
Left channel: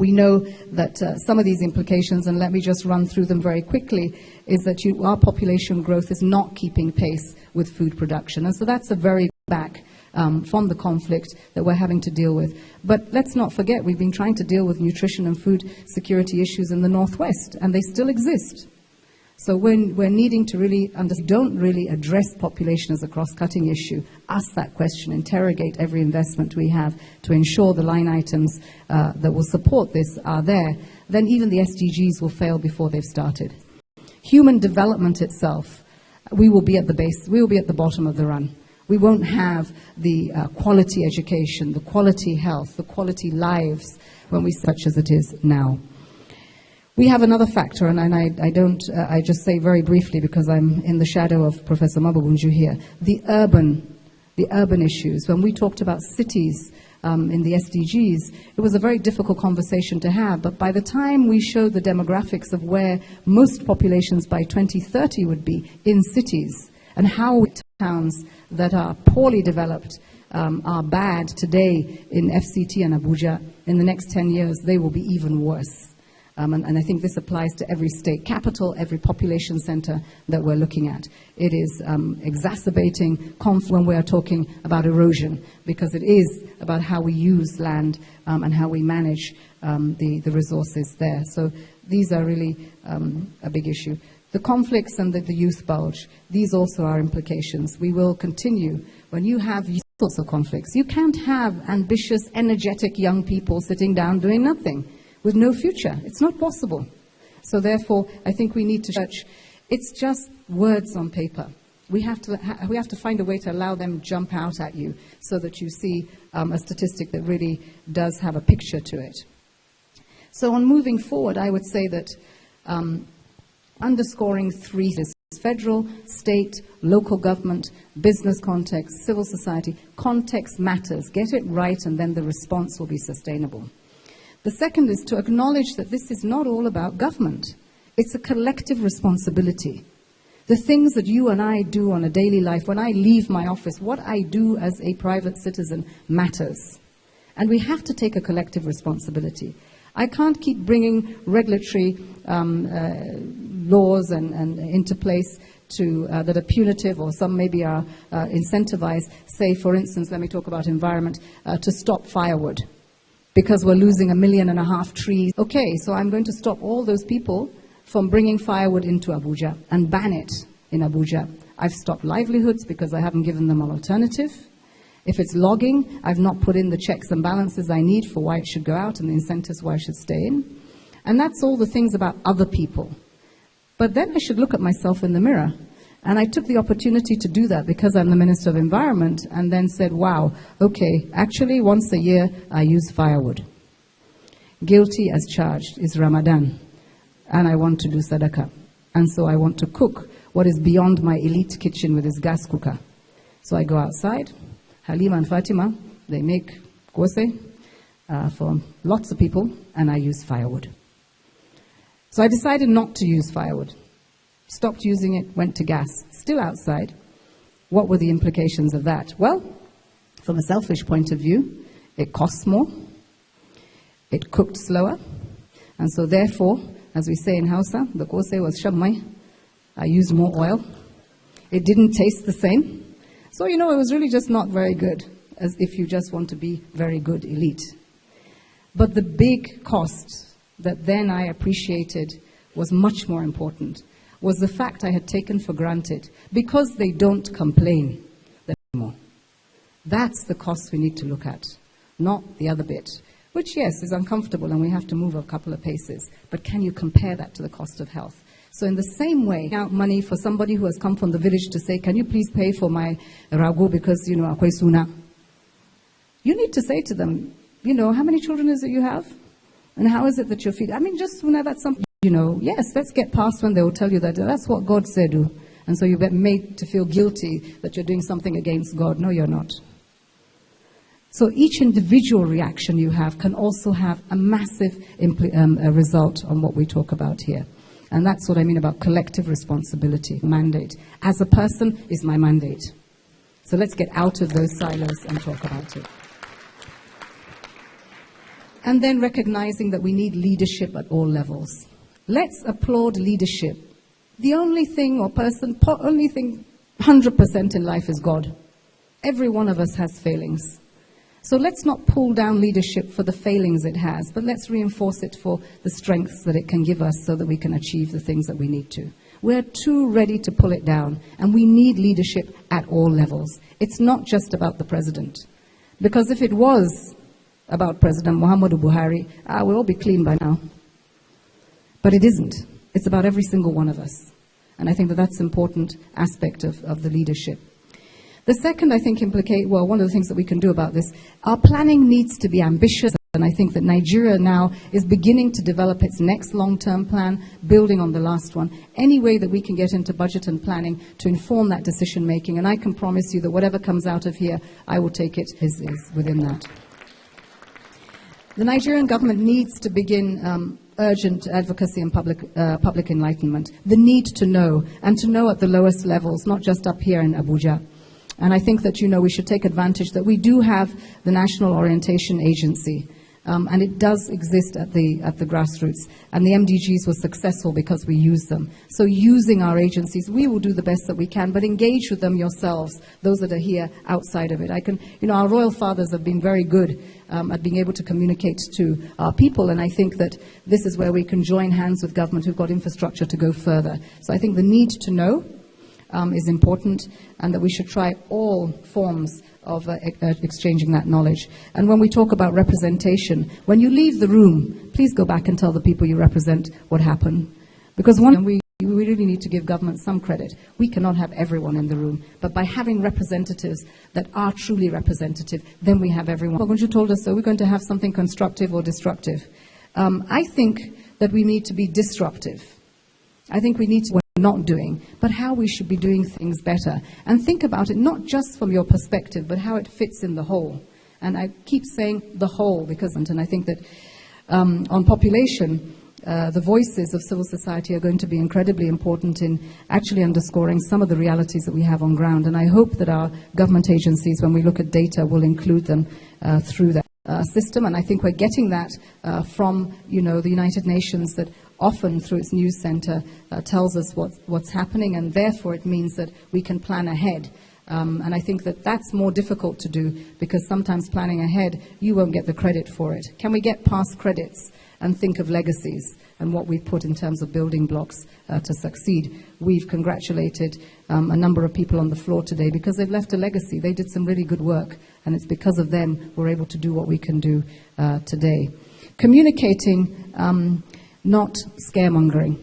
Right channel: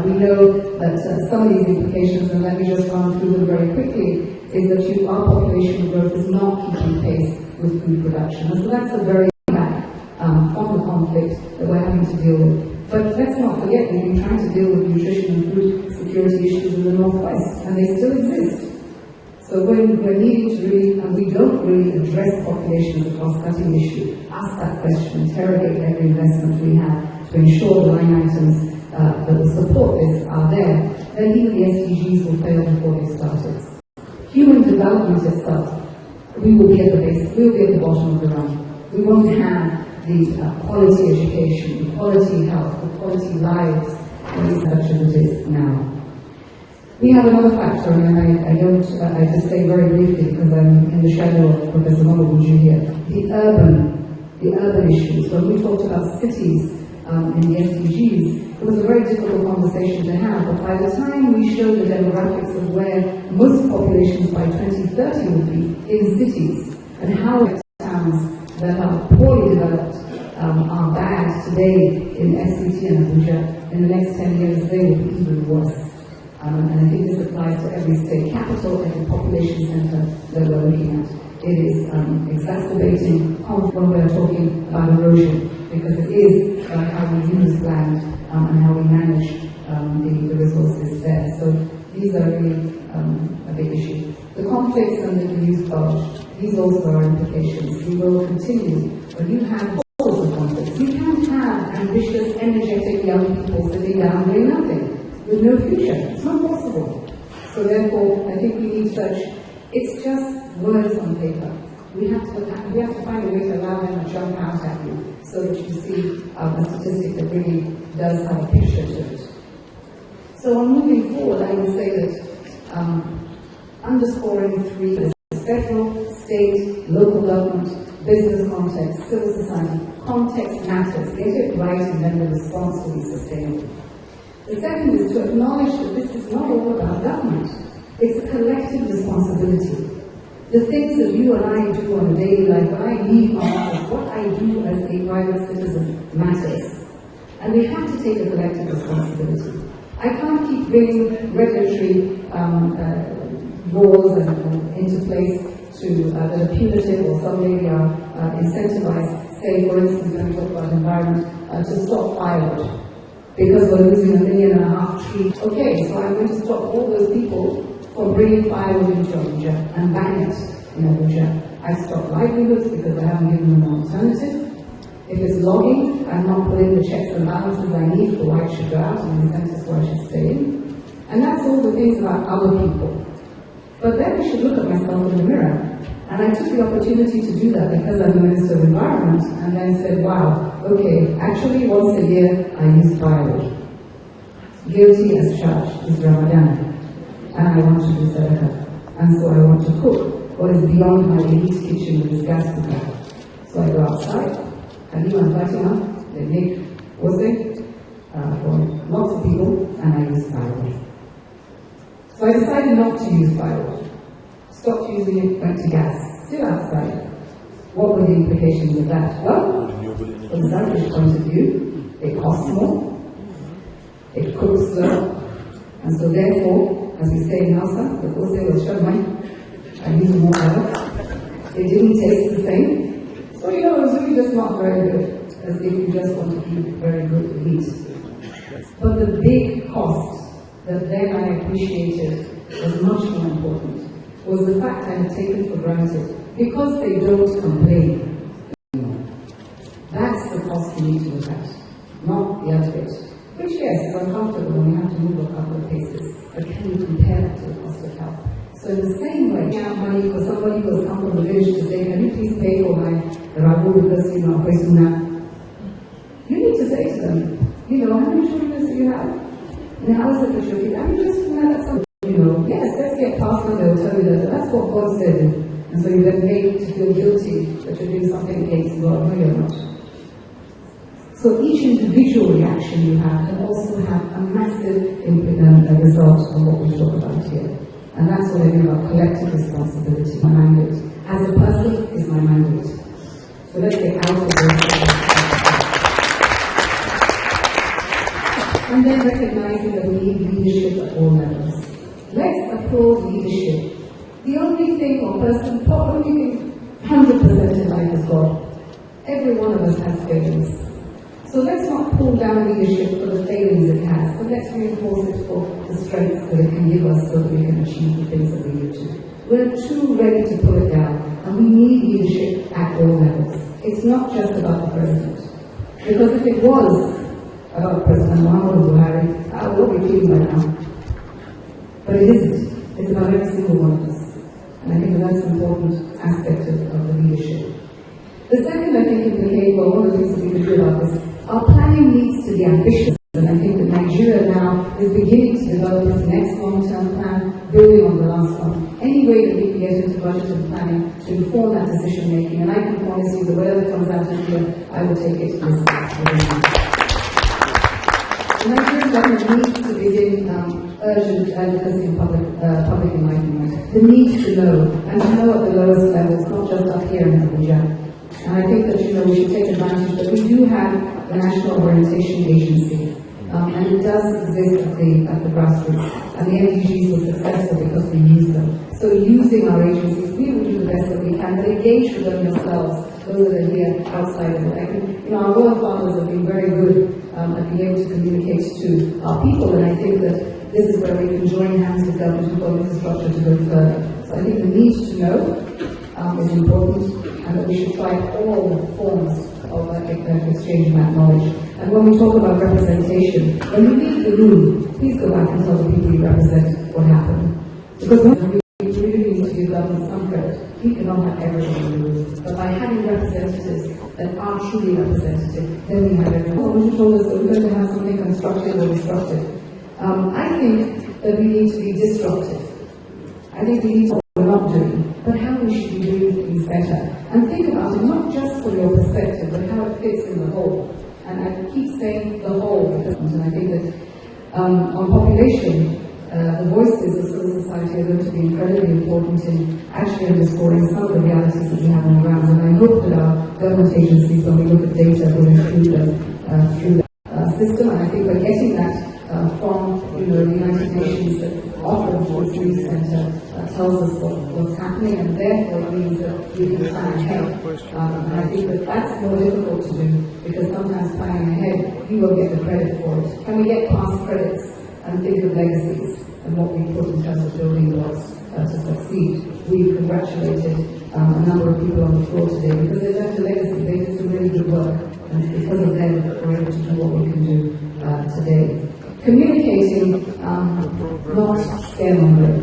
We know that some of these implications, and let me just run through them very quickly, is that our population growth is not keeping pace with food production. And so that's a very back from the conflict that we're having to deal with. But let's not forget, we've been trying to deal with nutrition and food security issues in the Northwest, and they still exist. So when we're needing to really we don't really address population as a cross-cutting issue, ask that question, interrogate every investment we have to ensure the line items that will support this are there, then even the SDGs will fail before they've started. Human development itself, we will be at the base, we will be at the bottom of the run. We won't have the quality education, the quality health, the quality lives, maybe such as it is now. We have another factor, and I just say very briefly because I'm in the shadow of Professor Mabubuju here, the urban issues. When we talked about cities in the SDGs, it was a very difficult conversation to have. But by the time we showed the demographics of where most populations by 2030 would be in cities, and how towns that are poorly developed are bad today in FCT and Abuja, in the next 10 years they will be even worse. And I think this applies to every state capital, every population center that we're looking at. It is exacerbating when we're talking about erosion, because it is about how we use land and how we manage the resources there. So these are really a big issue. The conflicts and the youth bulge, these also are implications. We will continue. When you have all sorts of conflicts, you can't have ambitious, energetic young people sitting down doing nothing, with no future. It's not possible. So therefore, I think we need to judge. It's just words on paper. We have to find a way to allow them to jump out at you so that you see a statistic that really does have a picture to it. So on moving forward, I would say that underscoring three: federal, state, local government, business context, civil society. Context matters. Get it right, and then the response will be sustainable. The second is to acknowledge that this is not all about government. It's a collective responsibility. The things that you and I do on a daily life, when I leave my office, what I do as a private citizen matters. And we have to take a collective responsibility. I can't keep bringing regulatory laws and into place that are punitive, or some maybe are incentivized. Say, for instance, let me talk about environment, to stop firewood, because we're losing 1.5 million trees. Okay, so I'm going to stop all those people from bringing firewood into Abuja and ban it in Abuja. I've stopped livelihoods because I haven't given them an alternative. If it's logging, I've not put in the checks and balances I need for why it should go out and incentives why it should stay in. And that's all the things about other people. But then I should look at myself in the mirror. And I took the opportunity to do that because I'm the Minister of Environment, and then said, wow, okay, actually once a year I use firewood. Guilty as charged is Ramadan, and I want to do sadaqah. And so I want to cook what is beyond my elite kitchen with this gas cooker. So I go outside, Halima and Fatima, they make kose for lots of people, and I use firewood. So I decided not to use firewood. Stopped using it, went to gas. Still outside. What were the implications of that? Well, from a selfish point of view, it costs more, it cooked slower, and so therefore, as we say in Hausa, the kose was shabmai. I used more oil. It didn't taste the same. So, it was really just not very good, as if you just want to be very good elite. But the big cost that then I appreciated was much more important, was the fact I had taken for granted, because they don't complain anymore. That's the cost we need to look at, not the other bit, which, yes, is uncomfortable and we have to move a couple of paces, but can you compare that to the cost of health? So in the same way, out money for somebody who has come from the village to say, can you please pay for my rabu because, akwai suna? You need to say to them, how many children is it you have? And how is it that you're feeding? Just let somebody, yes, let's get past when they will tell you that that's what God said. And so you're made to feel guilty that you're doing something against God. No, you're not. So each individual reaction you have can also have a massive result on what we talk about here. And that's what I mean about collective responsibility. Mandate. As a person is my mandate. So let's get out of those cycles. And then recognizing that we need leadership at all levels. Let's applaud leadership. The only thing 100% in life is God. Every one of us has failings. So let's not pull down leadership for the failings it has, but let's reinforce it for the strengths that it can give us so that we can achieve the things that we need to. We're too ready to pull it down, and we need leadership at all levels. It's not just about the president. Because if it was about President Muhammadu Buhari, I will all be clean by now. But it isn't. It's about every single one of us. And I think that that's an important aspect of the leadership. The second, I think, one of the things that we can do about this, our planning needs to be ambitious. And I think that Nigeria now is beginning to develop its next long-term plan, building on the last one. Any way that we can get into budget and planning to inform that decision-making. And I can promise you that whatever comes out of here, I will take it as think government needs to begin urgent advocacy and public enlightenment. The need to know, and to know at the lowest levels, not just up here in Abuja. And I think that, we should take advantage that we do have the National Orientation Agency, and it does exist at the grassroots. And the MDGs were successful because we use them. So using our agencies, we will do the best that we can, but engage with them yourselves, those that are here outside of it. Our royal fathers have been very good at being able to communicate to our people, and I think that this is where we can join hands with government. We've got infrastructure to go further. So I think the need to know is important, and that we should try all forms of exchanging that knowledge. And when we talk about representation, when you leave the room, please go back and tell the people you represent what happened. Because we really need to give government some credit. We cannot have everyone in the room. But by having representatives that are truly representative, then we have everyone. What you told us that we're going to have something constructive or destructive. I think that we need to be disruptive. I think we need to not doing, but how we should be doing things better. And think about it not just from your perspective, but how it fits in the whole. And I keep saying the whole because, and I think that on population, the voices of civil society are going to be incredibly important in actually underscoring some of the realities that we have on ground. And I hope that our government agencies, when we look at data, will include them through the system. And I think we're getting that from, the United Nations, that often through its news center tells us what's happening, and therefore it means that we can plan ahead. And I think that that's more difficult to do, because sometimes planning ahead, you won't get the credit for it. Can we get past credits and think of legacies and what we put in terms of building blocks to succeed? We've congratulated a number of people on the floor today because they've left a legacy. They did some really good work, and it's because of them we're able to do what we can do today. Communicating, not scaremongering.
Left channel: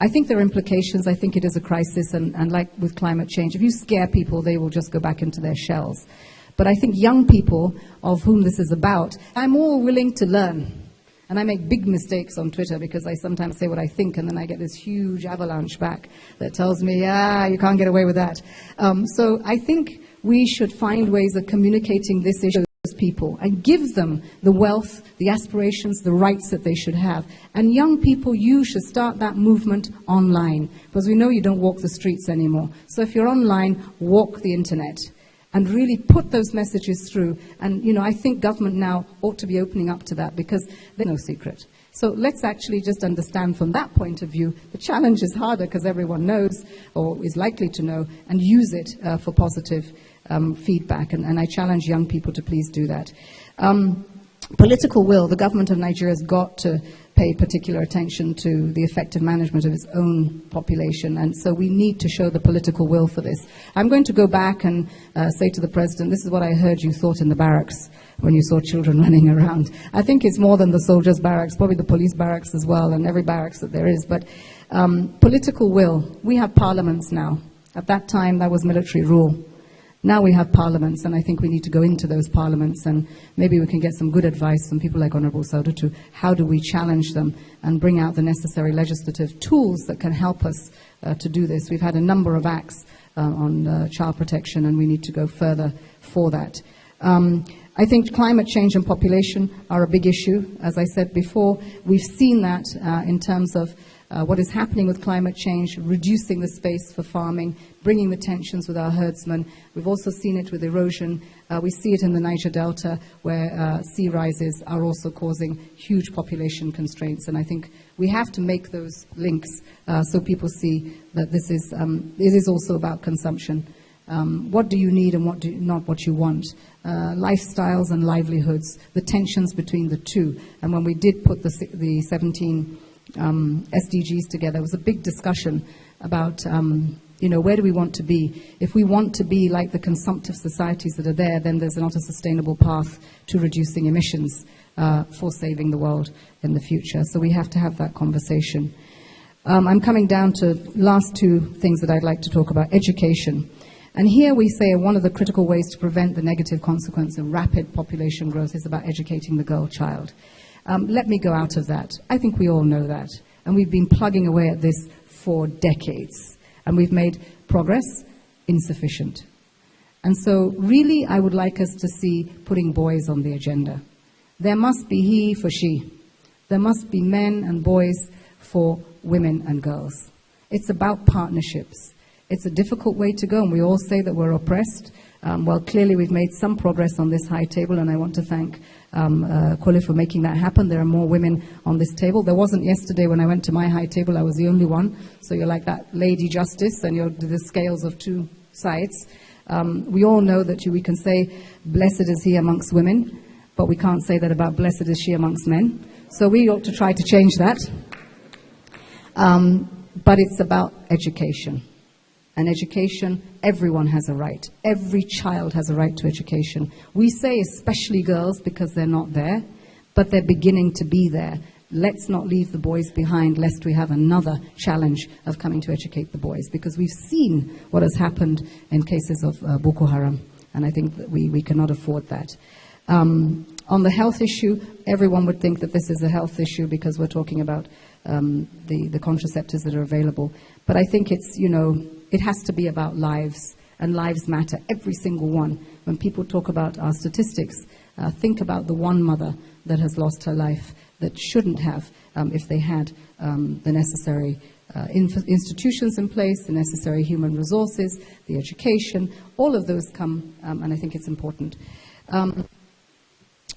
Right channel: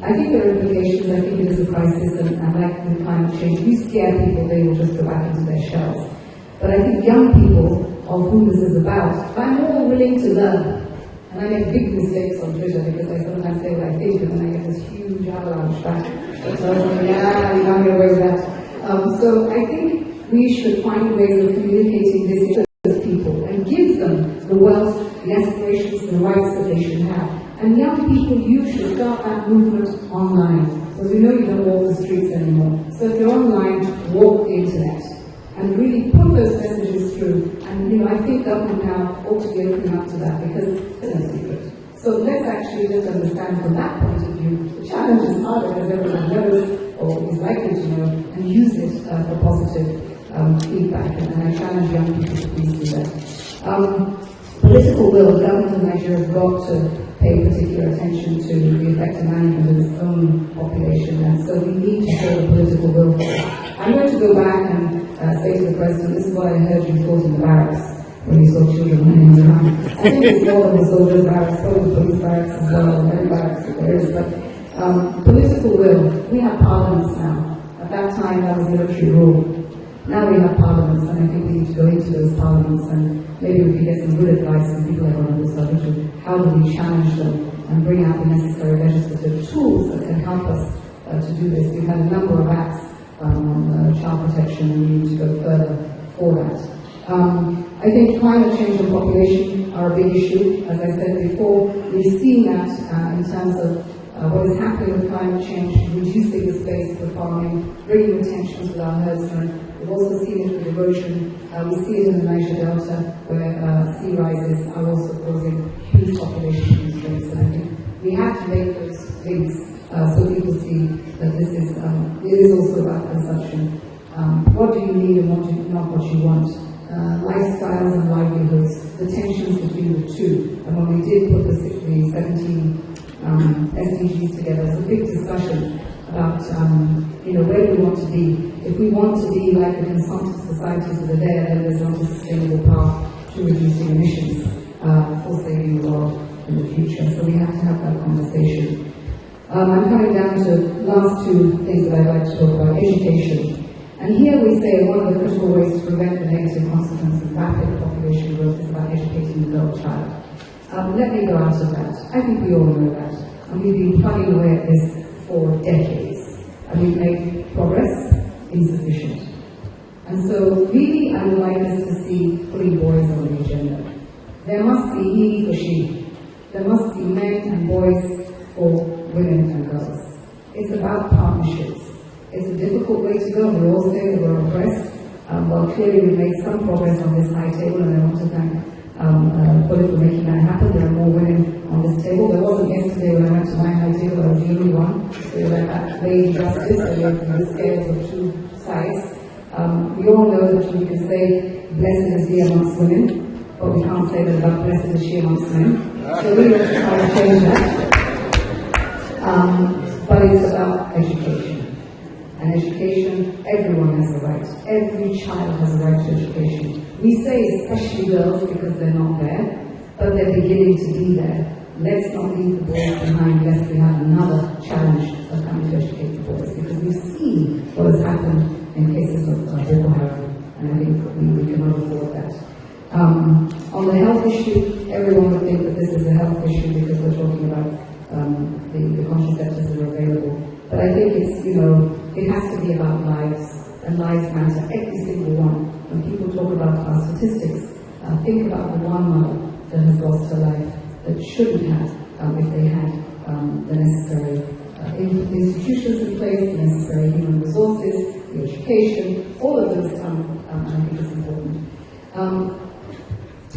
I think there are implications. I think it is a crisis, and like with climate change, if you scare people, they will just go back into their shells. But I think young people, of whom this is about, I'm more willing to learn. And I make big mistakes on Twitter because I sometimes say what I think, and then I get this huge avalanche back that tells me, you can't get away with that. So I think we should find ways of communicating this issue to people and give them the wealth, the aspirations, the rights that they should have. And young people, you should start that movement online, because we know you don't walk the streets anymore. So if you're online, walk the internet and really put those messages through. And I think government now ought to be opening up to that, because there's no secret. So let's actually just understand from that point of view. The challenge is harder because everyone knows, or is likely to know, and use it for positive feedback. And I challenge young people to please do that. Political will. The government of Nigeria has got to pay particular attention to the effective management of its own population, and so we need to show the political will for this. I'm going to go back and say to the President, this is what I heard you thought in the barracks when you saw children running around. I think it's more than the soldiers' barracks, probably the police barracks as well, and every barracks that there is. But political will. We have parliaments now. At that time, that was military rule. Now we have parliaments, and I think we need to go into those parliaments, and maybe we can get some good advice from people like Honorable Sadutu. How do we challenge them and bring out the necessary legislative tools that can help us to do this? We've had a number of acts on child protection, and we need to go further for that. I think climate change and population are a big issue. As I said before, we've seen that in terms of what is happening with climate change, reducing the space for farming, bringing the tensions with our herdsmen. We've also seen it with erosion. We see it in the Niger Delta, where sea rises are also causing huge population constraints. And I think we have to make those links so people see that this is also about consumption. What do you need and not what you want? Lifestyles and livelihoods, the tensions between the two. And when we did put the 17 SDGs together, it was a big discussion about, where do we want to be? If we want to be like the consumptive societies that are there, then there's not a sustainable path to reducing emissions for saving the world in the future. So we have to have that conversation. I'm coming down to last two things that I'd like to talk about. Education. And here we say one of the critical ways to prevent the negative consequence of rapid population growth is about educating the girl child. Let me go out of that. I think we all know that. And we've been plugging away at this for decades. And we've made progress insufficient. And so really I would like us to see putting boys on the agenda. There must be he for she. There must be men and boys for women and girls. It's about partnerships. It's a difficult way to go. We all say that we're oppressed. Well, clearly we've made some progress on this high table, and I want to thank Kole for making that happen. There are more women on this table. There wasn't yesterday when I went to my high table. I was the only one. So you're like that lady justice, and you're the scales of two sides. We all know that we can say, blessed is he amongst women, but we can't say that about blessed is she amongst men. So we want to try to change that. But it's about education. And education, everyone has a right. Every child has a right to education. We say especially girls because they're not there, but they're beginning to be there. Let's not leave the boys behind lest we have another challenge of coming to educate the boys, because we've seen what has happened in cases of Boko Haram, and I think we cannot afford that. On the health issue, everyone would think that this is a health issue because we're talking about the contraceptives that are available. But I think it's, it has to be about lives, and lives matter, every single one. When people talk about our statistics, think about the one mother that has lost her life, that shouldn't have if they had the necessary institutions in place, the necessary human resources, the education, all of those come, and I think it's important.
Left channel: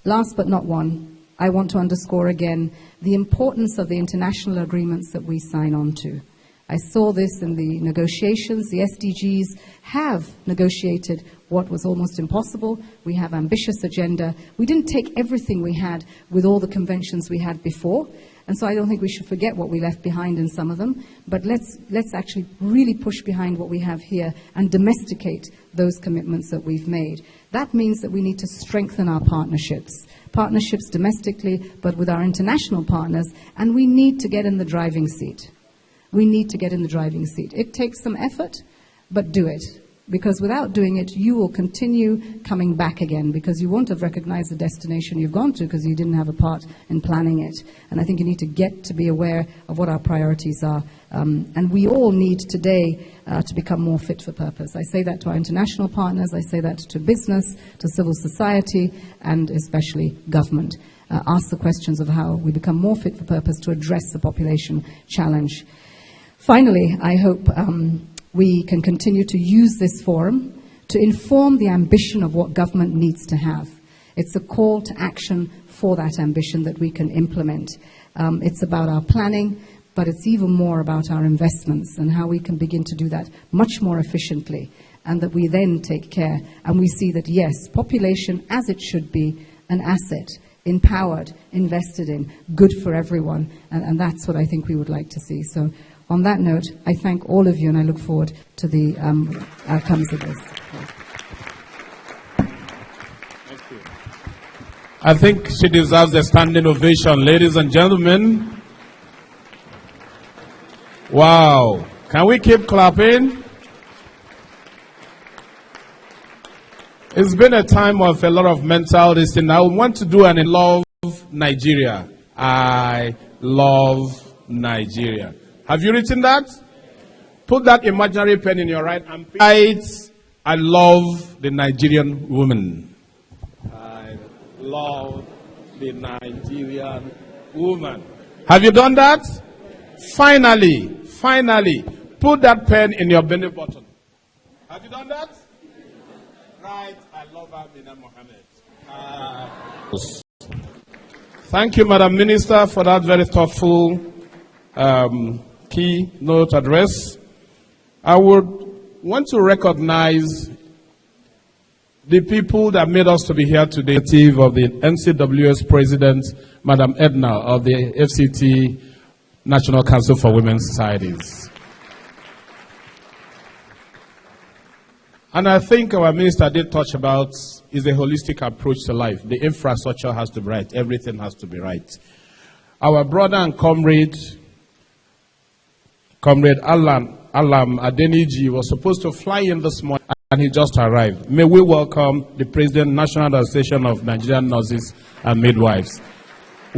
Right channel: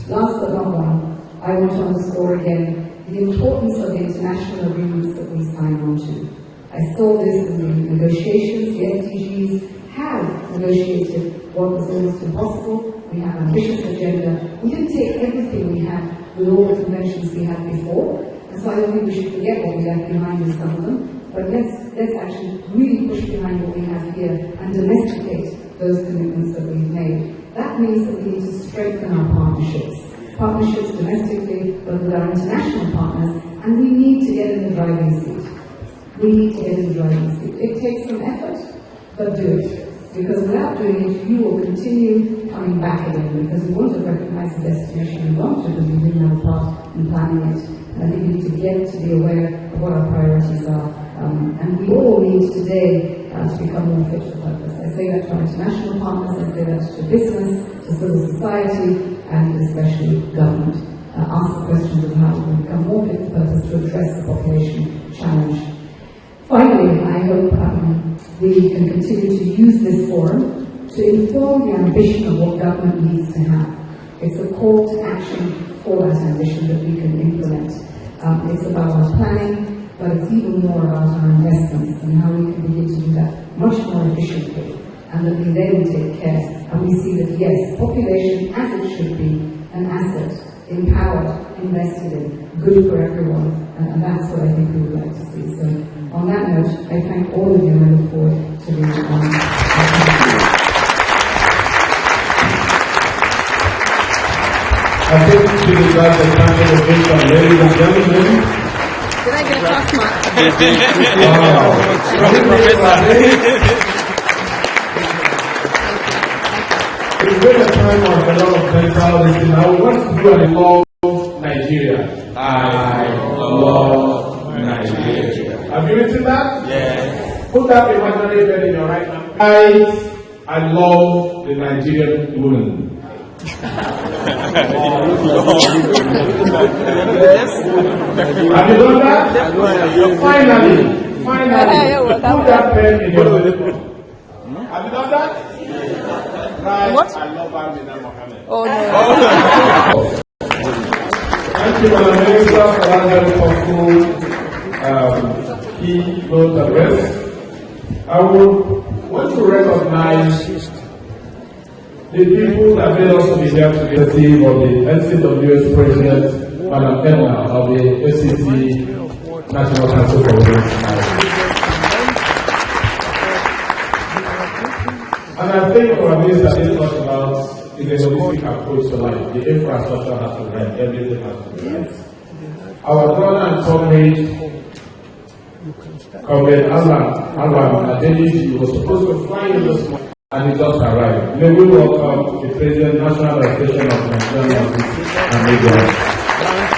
Last but not one, I want to underscore again the importance of the international agreements that we sign on to. I saw this in the negotiations. The SDGs have negotiated what was almost impossible. We have ambitious agenda. We didn't take everything we had with all the conventions we had before, and so I don't think we should forget what we left behind in some of them, but let's actually really push behind what we have here and domesticate those commitments that we've made. That means that we need to strengthen our partnerships domestically, but with our international partners, and we need to get in the driving seat. We need to get in the driving seat. It takes some effort, but do it. Because without doing it, you will continue coming back again, because you won't have recognized the destination you've gone to because you didn't have a part in planning it. And I think you need to get to be aware of what our priorities are. And we all need today to become more fit for purpose. I say that to our international partners, I say that to business, to civil society, and especially government. Ask the questions of how we become more fit for purpose to address the population challenge. Finally, I hope we can continue to use this forum to inform the ambition of what government needs to have. It's a call to action for that ambition that we can implement. It's about our planning, but it's even more about our investments and how we can begin to do that much more efficiently, and that we then take care and we see that, yes, population, as it should be, an asset, empowered, invested in, good for everyone, and that's what I think we would like to see. So on that note, I thank all of you, and I look forward to the I think she deserves a standing ovation, ladies and gentlemen. Did I get a class mark? Wow. Can we put clapping? It's been a time of a lot of mental listening. Now we want to do an I love Nigeria. I love Nigeria. Have you written that? Yeah. Put that imaginary pen in your right hand. I love the Nigerian woman. Have you done that? Finally, put that pen in your middle. Have you done that? Right. What? I love Amina Mohammed. Oh no. Thank you, Madam Minister, for that very thoughtful keynote address. I would want to recognize the people that made us to be here today. Of the NCW's President, Madam Edna, of the FCT National Council for Women's Society. And I think our minister did touch about is a holistic approach to life. The infrastructure has to be right. Everything has to be right. Our brother and Comrade Alam Adeniji was supposed to fly in this morning, and he just arrived. May we welcome the President, National Association of Nigerian Nurses and Midwives.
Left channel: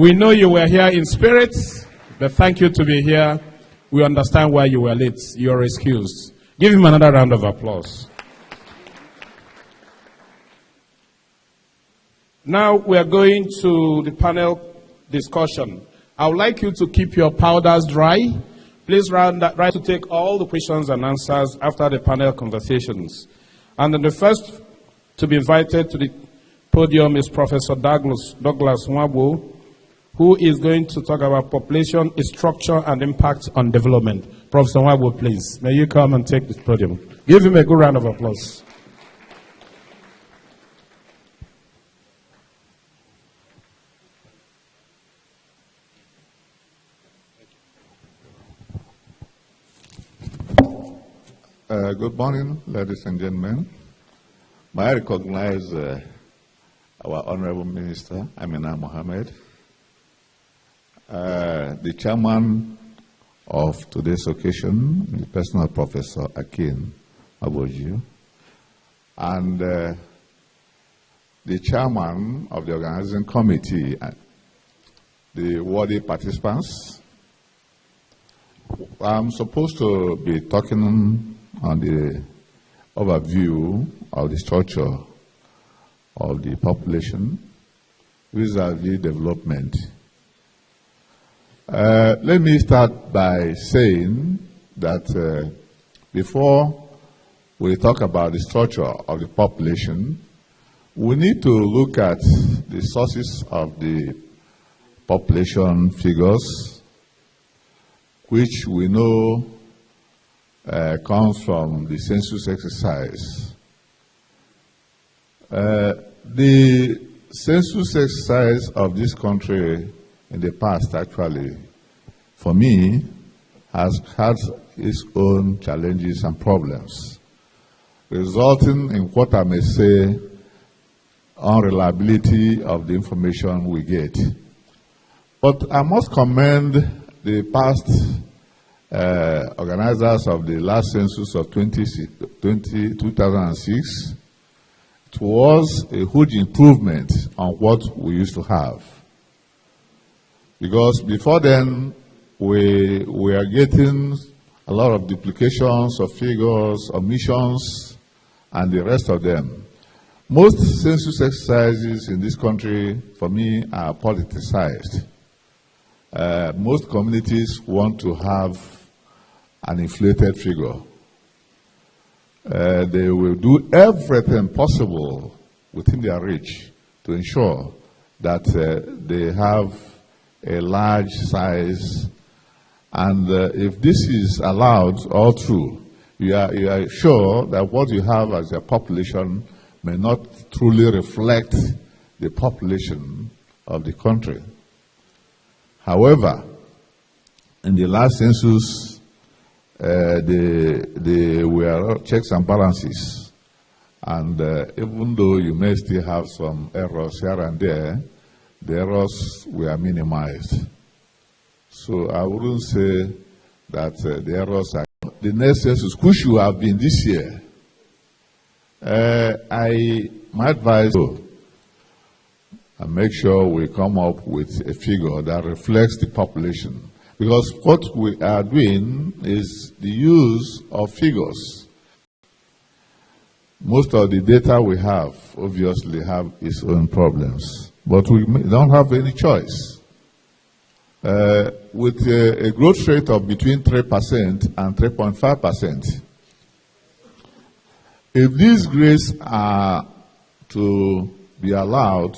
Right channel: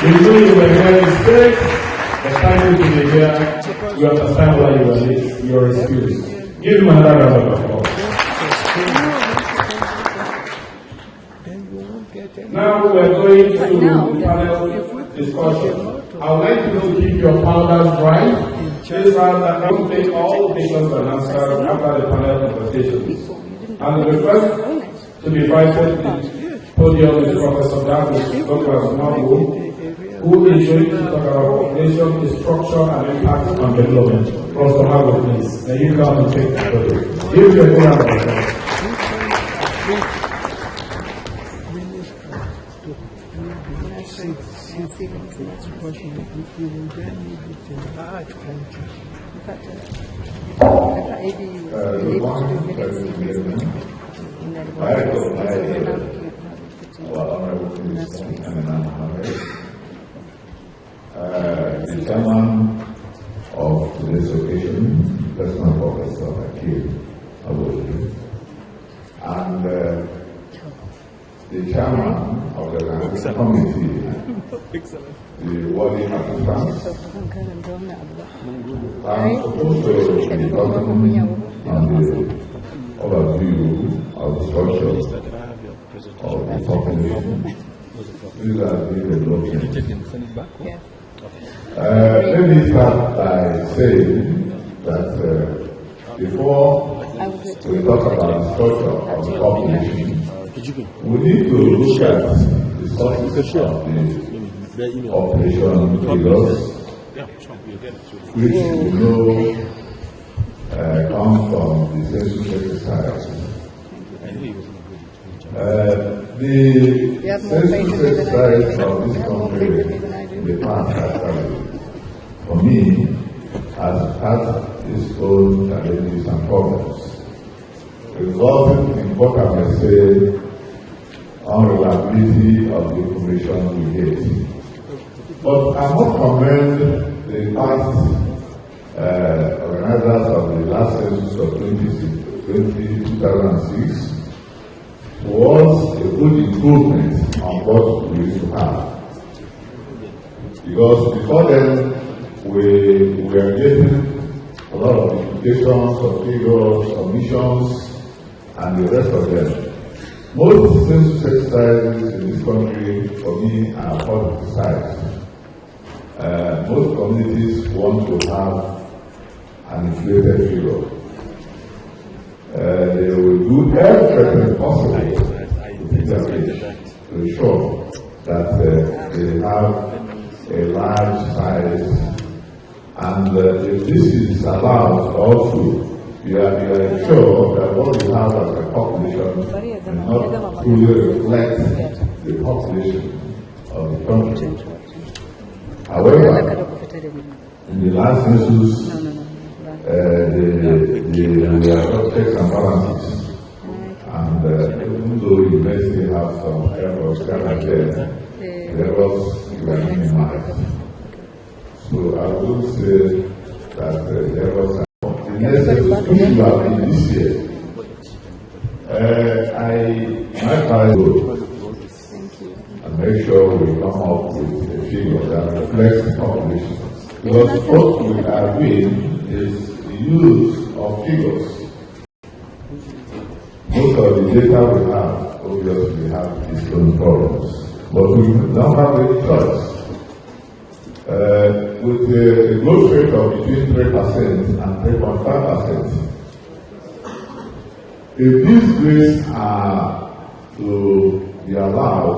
We know you were here in spirit, but thank you to be here. We understand why you were late. You're excused. Give him another round of applause. Now we are going to the panel discussion. I would like you to keep your powders dry. Please round that right to take all the questions and answers after the panel conversations. And the first to be invited to the podium is Professor Douglas Mwabo, who is going to talk about population structure and impact on development. Professor Mwabo, please, may you come and take the podium. Give him a good round of applause. Good morning, ladies and gentlemen. May I recognize our Honorable Minister, Amina Mohammed, the chairman of today's occasion, Personal Professor Akin Aboji, and the chairman of the organizing committee and the worthy participants. I'm supposed to be talking on the overview of the structure of the population vis-à-vis development. Let me start by saying that before we talk about the structure of the population, we need to look at the sources of the population figures, which we know comes from the census exercise. The census exercise of this country in the past, actually, for me, has its own challenges and problems, resulting in what I may say unreliability of the information we get. But I must commend the past organizers of the last census of 2006 towards a good improvement on what we used to have. Because before then, we were getting a lot of duplications of figures, omissions, and the rest of them. Most census exercises in this country, for me, are politicized. Most communities want to have an inflated figure. They will do everything possible within their reach to ensure that they have a large size, and if this is allowed all through, you are sure that what you have as a population may not truly reflect the population of the country. However, in the last census, we have checks and balances, and even though you may still have some errors here and there, the errors were minimized. So I would say that the errors are the next census, which will have been this year. My advice and make sure we come up with a figure that reflects the population. Because what we are doing is the use of figures. Most of the data we have obviously have its own problems, but we don't have any choice. With a growth rate of between 3% and 3.5%, if these rates are to be allowed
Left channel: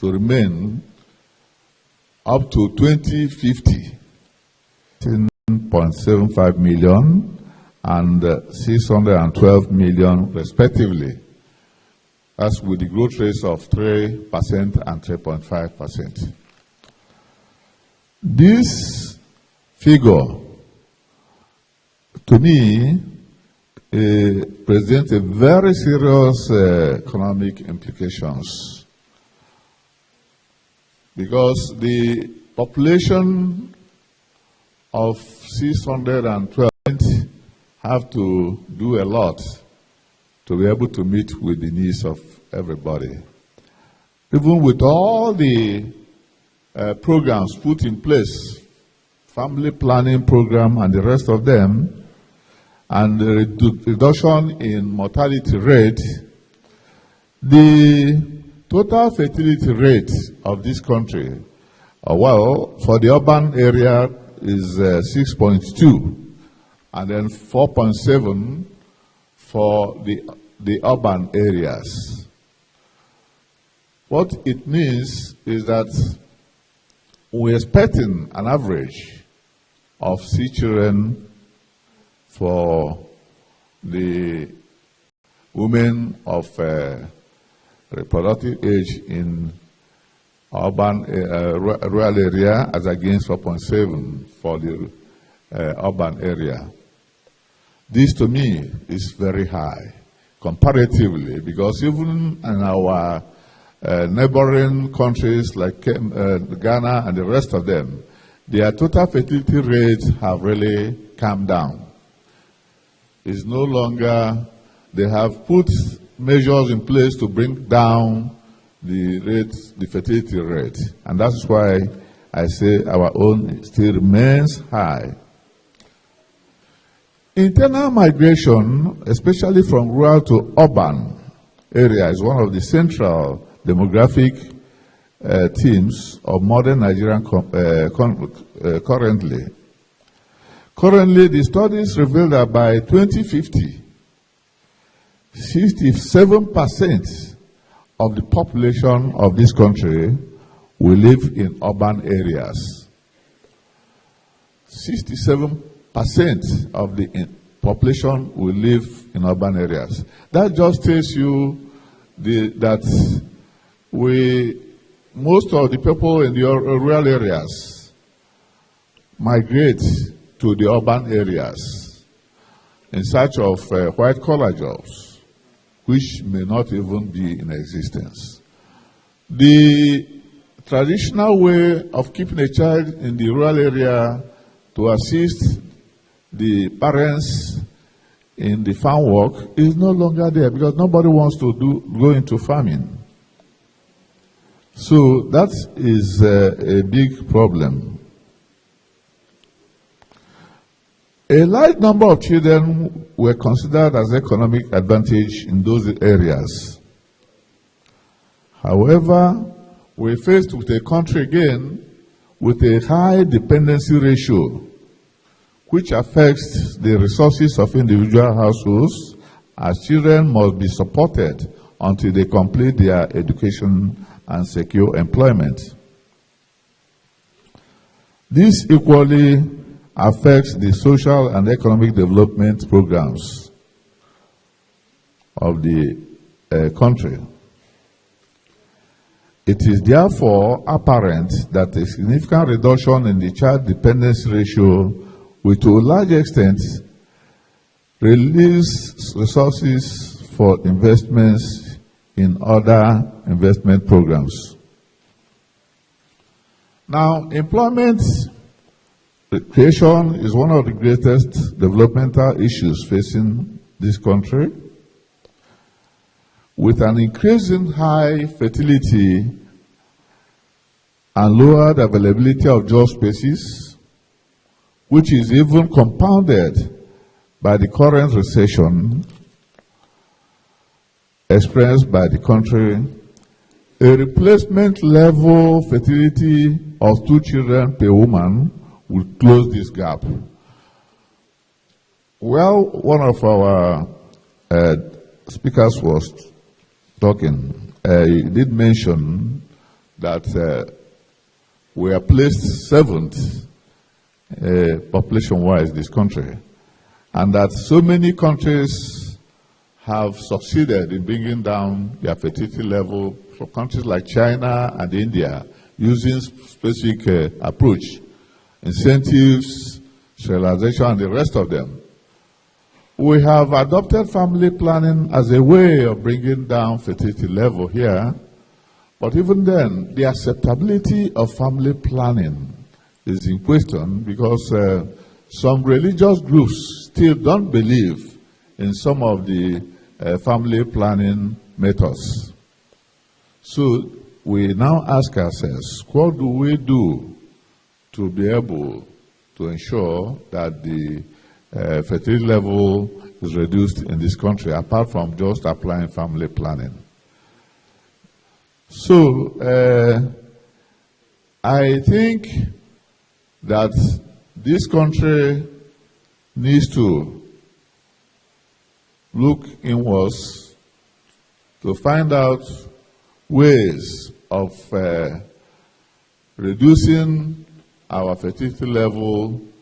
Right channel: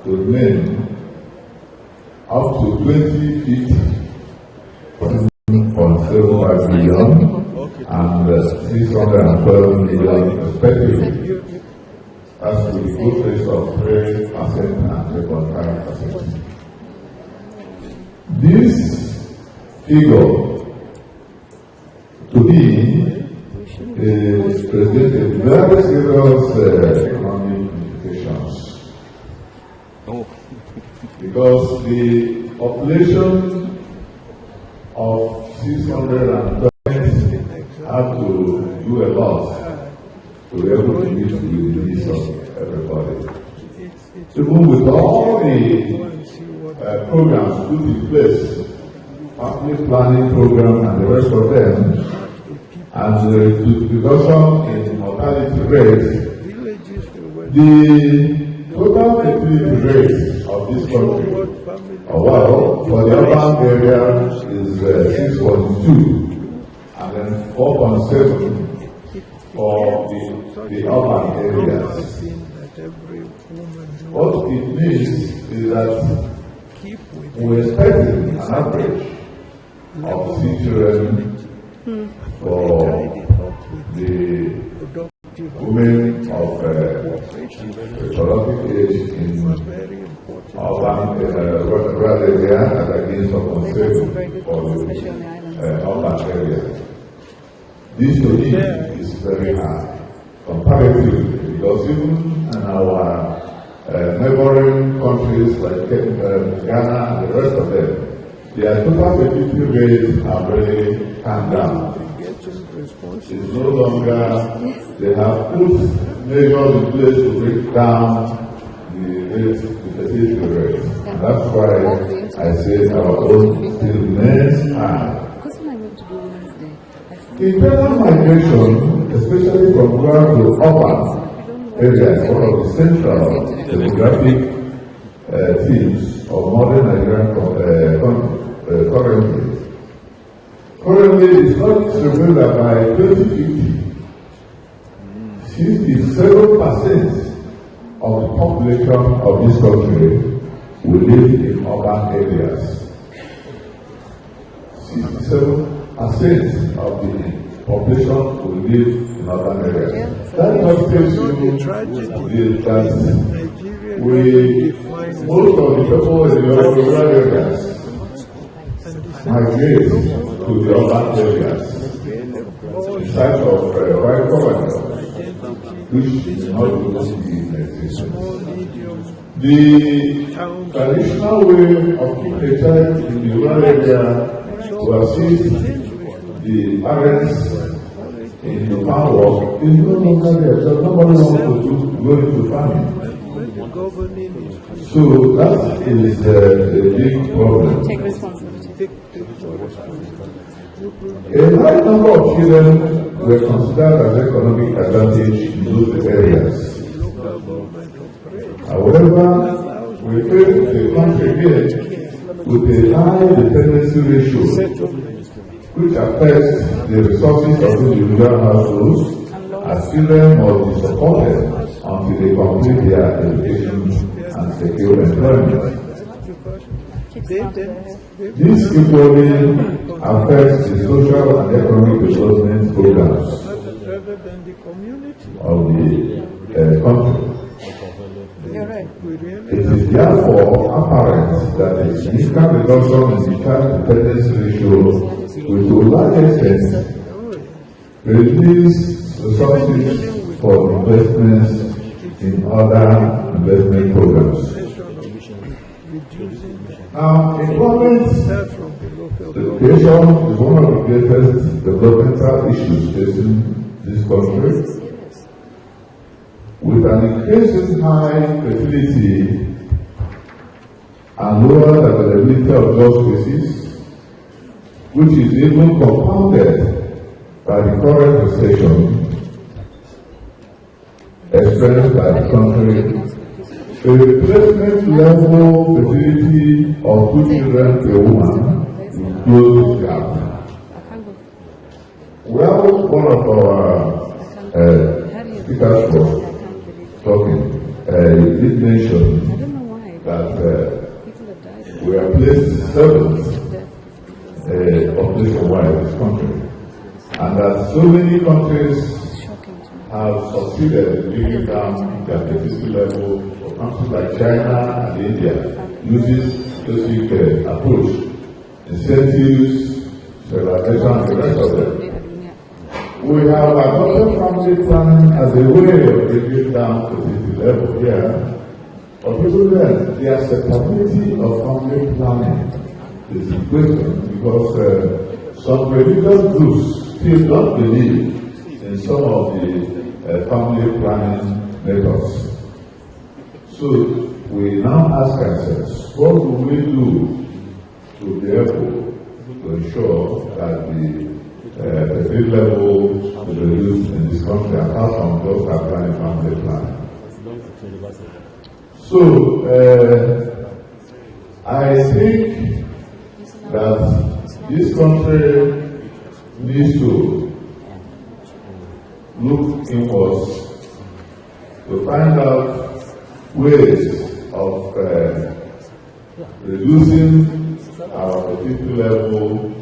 to remain up to 2050, 1.75 million and 612 million respectively. That's with the growth rates of 3% and 3.5%. This figure, to me, presents a very serious economic implications. Because the population of 612 have to do a lot to be able to meet with the needs of everybody. Even with all the programs put in place, family planning program and the rest of them, and the reduction in mortality rate, the total fertility rate of this country, for the urban area is 6.2, and then 4.7 for the urban areas. What it means is that we're expecting an average of 6 children for the women of reproductive age in urban rural area as against 4.7 for the urban area. This to me is very high comparatively, because even in our neighboring countries like Ghana and the rest of them, their total fertility rates have really come down. It's no longer, they have put measures in place to bring down the fertility rate. And that's why I say our own still remains high. Internal migration, especially from rural to urban areas, one of the central demographic themes of modern Nigerian currently. Currently, the studies reveal that by 2050, 67% of the population of this country will live in urban areas. 67% of the population will live in urban areas. That just tells you that most of the people in the rural areas migrate to the urban areas in search of white-collar jobs, which may not even be in existence. The traditional way of keeping a child in the rural area to assist the parents in the farm work is no longer there, because nobody wants to go into farming. So that is a big problem. Take responsibility. A large number of children were considered as economic advantage in those areas. However, we are faced with a country again with a high dependency ratio, which affects the resources of individual households, as children must be supported until they complete their education and secure employment. This equally affects the social and economic development programs of the country. It is therefore apparent that a significant reduction in the child dependency ratio will, to a large extent, release resources for investments in other investment programs. Now, employment creation is one of the greatest developmental issues facing this country. With an increasing high fertility and lower availability of job spaces, which is even compounded by the current recession experienced by the country, a replacement level fertility of 2 children per woman will close this gap. Well, one of our speakers was talking. You did mention that we are placed 7th population-wise in this country, and that so many countries have succeeded in bringing down their fertility level. For countries like China and India, using specific approach, incentives, sterilization, and the rest of them. We have adopted family planning as a way of bringing down fertility level here, but even then, the acceptability of family planning is in question, because some religious groups still don't believe in some of the family planning methods. So we now ask ourselves, what do we do to be able to ensure that the fertility level is reduced in this country, apart from just applying family planning? So, I think that this country needs to look inwards to find out ways of reducing our fertility level,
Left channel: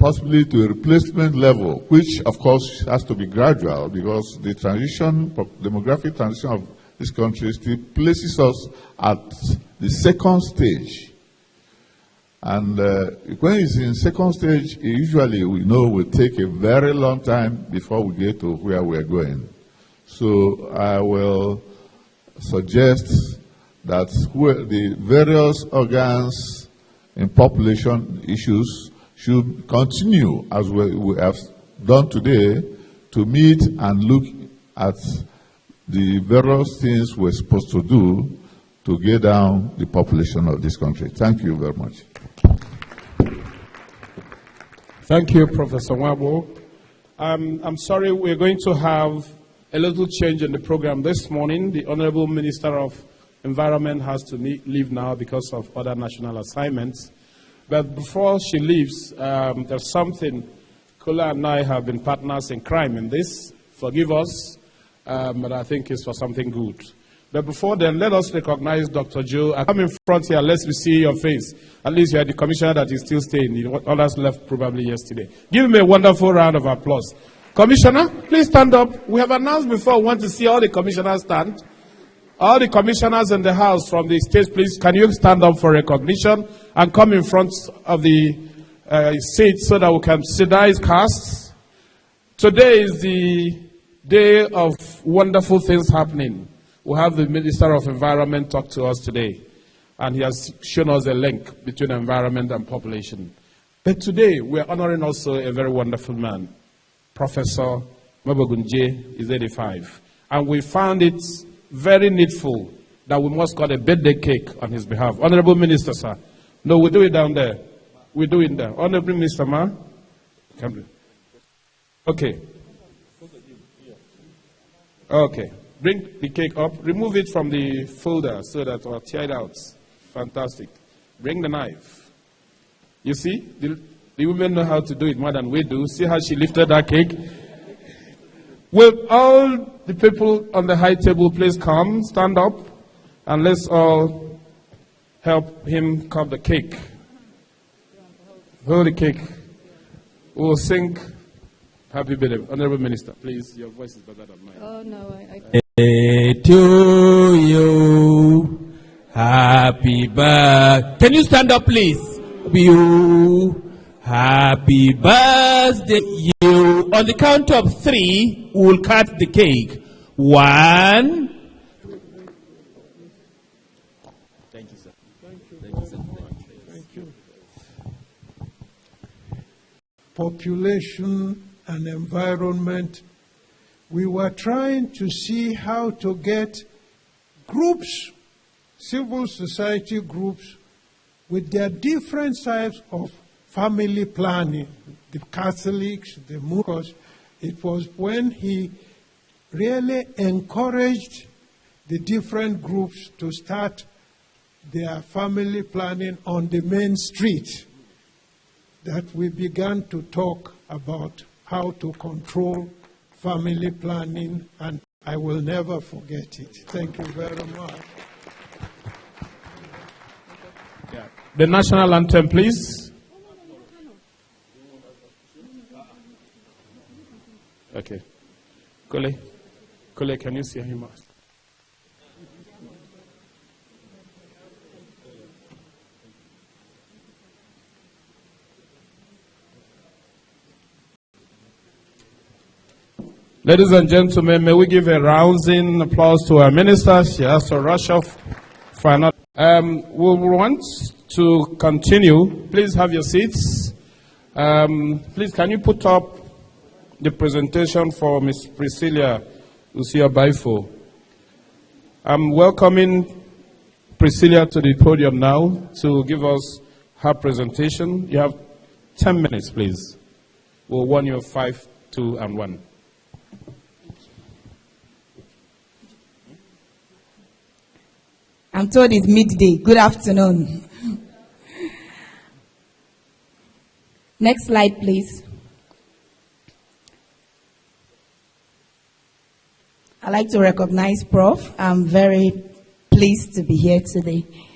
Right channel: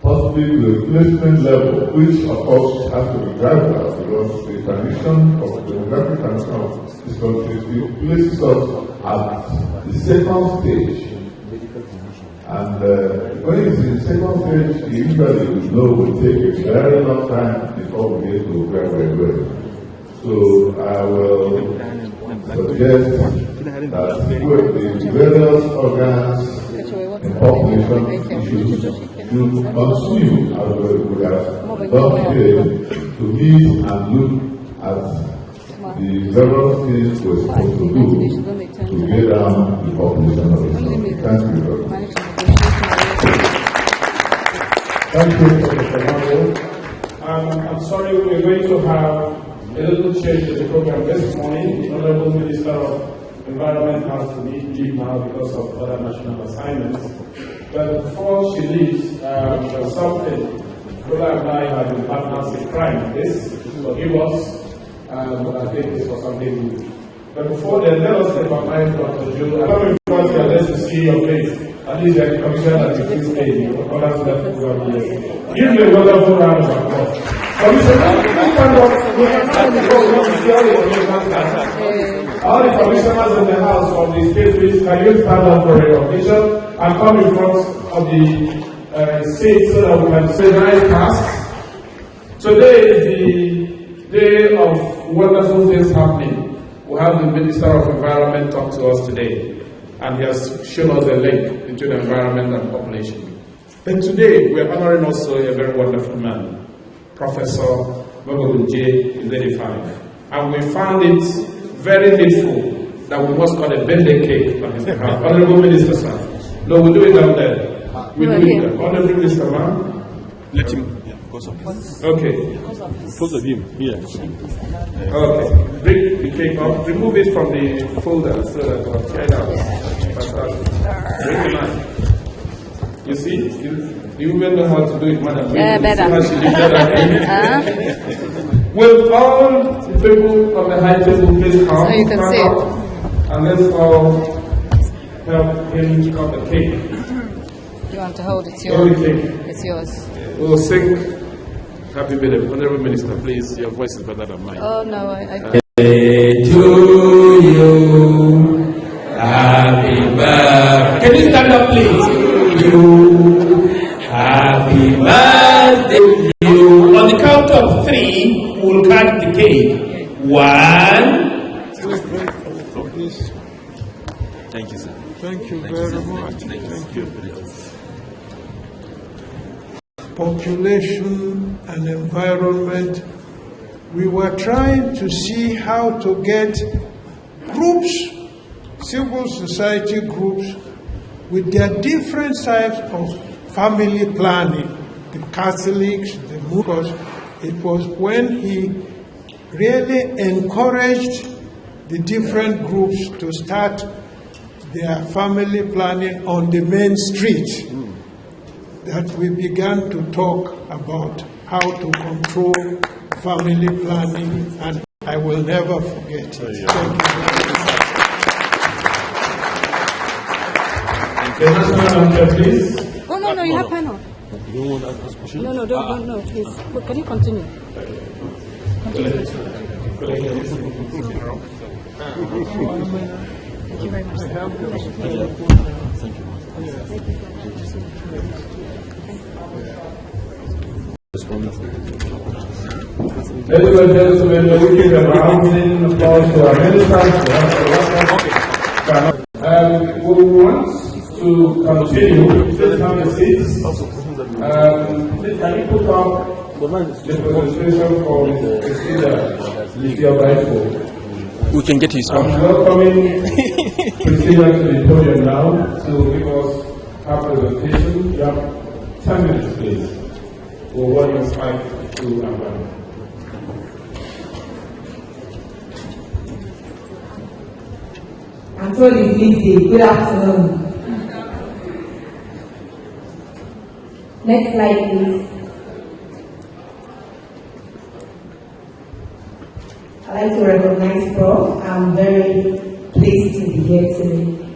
possibly to a replacement level, which of course has to be gradual because the transition of demographic transition of this country still places us at the second stage. And when it's in second stage, usually we know it will take a very long time before we get to where we're going. So I will suggest that with the various organs in population issues should continue as we have done today to meet and look at the various things we're supposed to do to get down the population of this country. Thank you very much. Thank you, Professor Wabo. I'm sorry, we're going to have a little change in the program this morning. The Honorable Minister of Environment has to leave now because of other national assignments. But before she leaves, there's something. Kula and I have been partners in crime. This, forgive us, but I think it's for something good. But before then, let us recognize Dr. Joe. Come in front here, let's see your face. At least you are the commissioner that is still staying. Others left probably yesterday. Give me a wonderful round of applause. Commissioner, please stand up. We have announced before when we see all the commissioners stand. All the commissioners in the House from the state, please, can you stand up for recognition and come in front of the seat so that we can see nice tasks. Today is the day of wonderful things happening. We have the Minister of Environment talk to us today, and he has shown us a link between environment and population. But today, we are honoring also a very wonderful man, Professor Mabagunje, is 85. And we found it very needful that we must cut a birthday cake on his behalf. Honorable Minister, sir. No, we do it down there. We do it there. Honorable Minister, ma'am. Let him. Okay. Close of him. Yeah. Okay. Bring the cake up. Remove it from the folder so that we'll tear it out. Fantastic. Bring the knife. You see? Do you remember how to do it, madam? Yeah, better. She lifted that cake. Will all the people on the high table please come? So you can stand see up. And let's all help him cut the cake. You want to hold it? It's Hold the yours. cake. It's yours. We'll sing Happy Birthday. Honorable Minister, please, your voice is better than mine. Oh no, I To you, happy birthday. Can you stand up, please? You, happy birthday to you. On the count of 3, we will cut the cake. 1. Thank you, sir. Thank you very much. Thank you. Population and environment, we were trying to see how to get groups, civil society groups, with their different types of family planning, the Catholics, the Muslims. It was when he really encouraged the different groups to start their family planning on the main street that we began to talk about how to control family planning, and I will never forget it. Thank you very much. The national anthem, please. Oh no, you have panel. You don't want to ask this question? No, don't, please. But can you continue? Okay. Colleague, can you sing? Thank you very much. Thank you. Ladies and gentlemen, may we give a rousing applause to our ministers. We want to continue. Please have your seats. Please, can you put up the presentation for Ms. Priscilla Baifo? We can get his I'm welcoming Priscilla to the podium now to give us her presentation. You have 10 minutes, please. We'll warn you 5, 2, and 1. I'm told it's midday. Good afternoon. Next slide, please. I'd like to recognize Prof. I'm very pleased to be here today.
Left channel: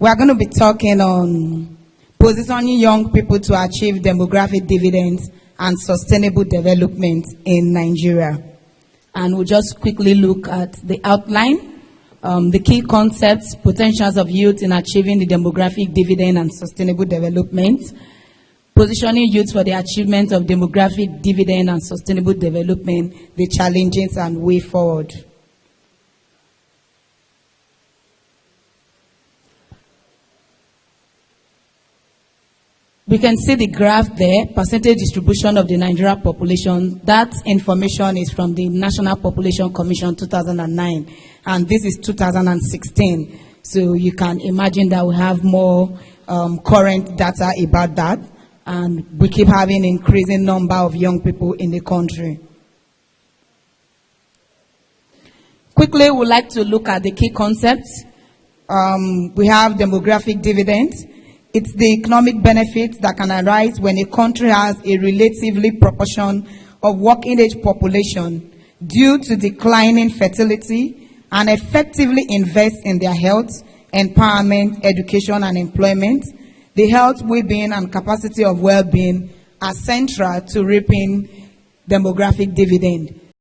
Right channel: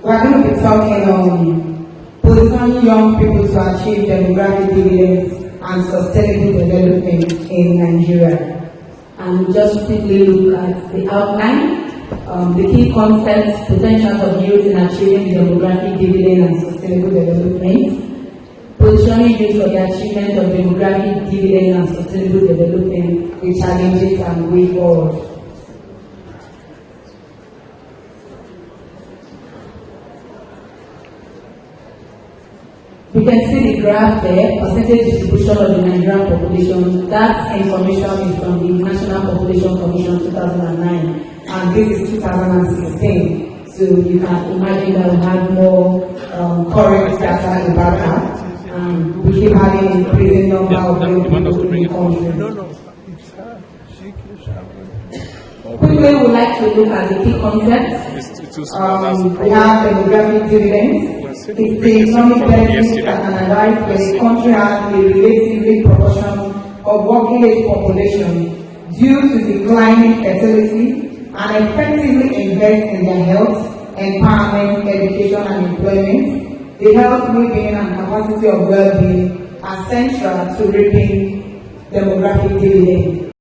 We're going to be talking on positioning young people to achieve demographic dividends and sustainable development in Nigeria. And we'll just quickly look at the outline. The key concepts, potentials of youth in achieving the demographic dividend and sustainable development, positioning youth for the achievement of demographic dividend and sustainable development, the challenges and way forward. We can see the graph there, percentage distribution of the Nigerian population. That information is from the National Population Commission 2009, and this is 2016. So you can imagine that we have more correct data about that, and we keep having an increasing number of young people in the country. Quickly, we'd like to look at the key concepts. We have demographic dividends. It's the economic benefits that can arise when a country has a relatively proportion of working age population due to declining fertility and effectively invest in their health, empowerment, education and employment. The health, well-being and capacity of well-being are central to reaping demographic dividend.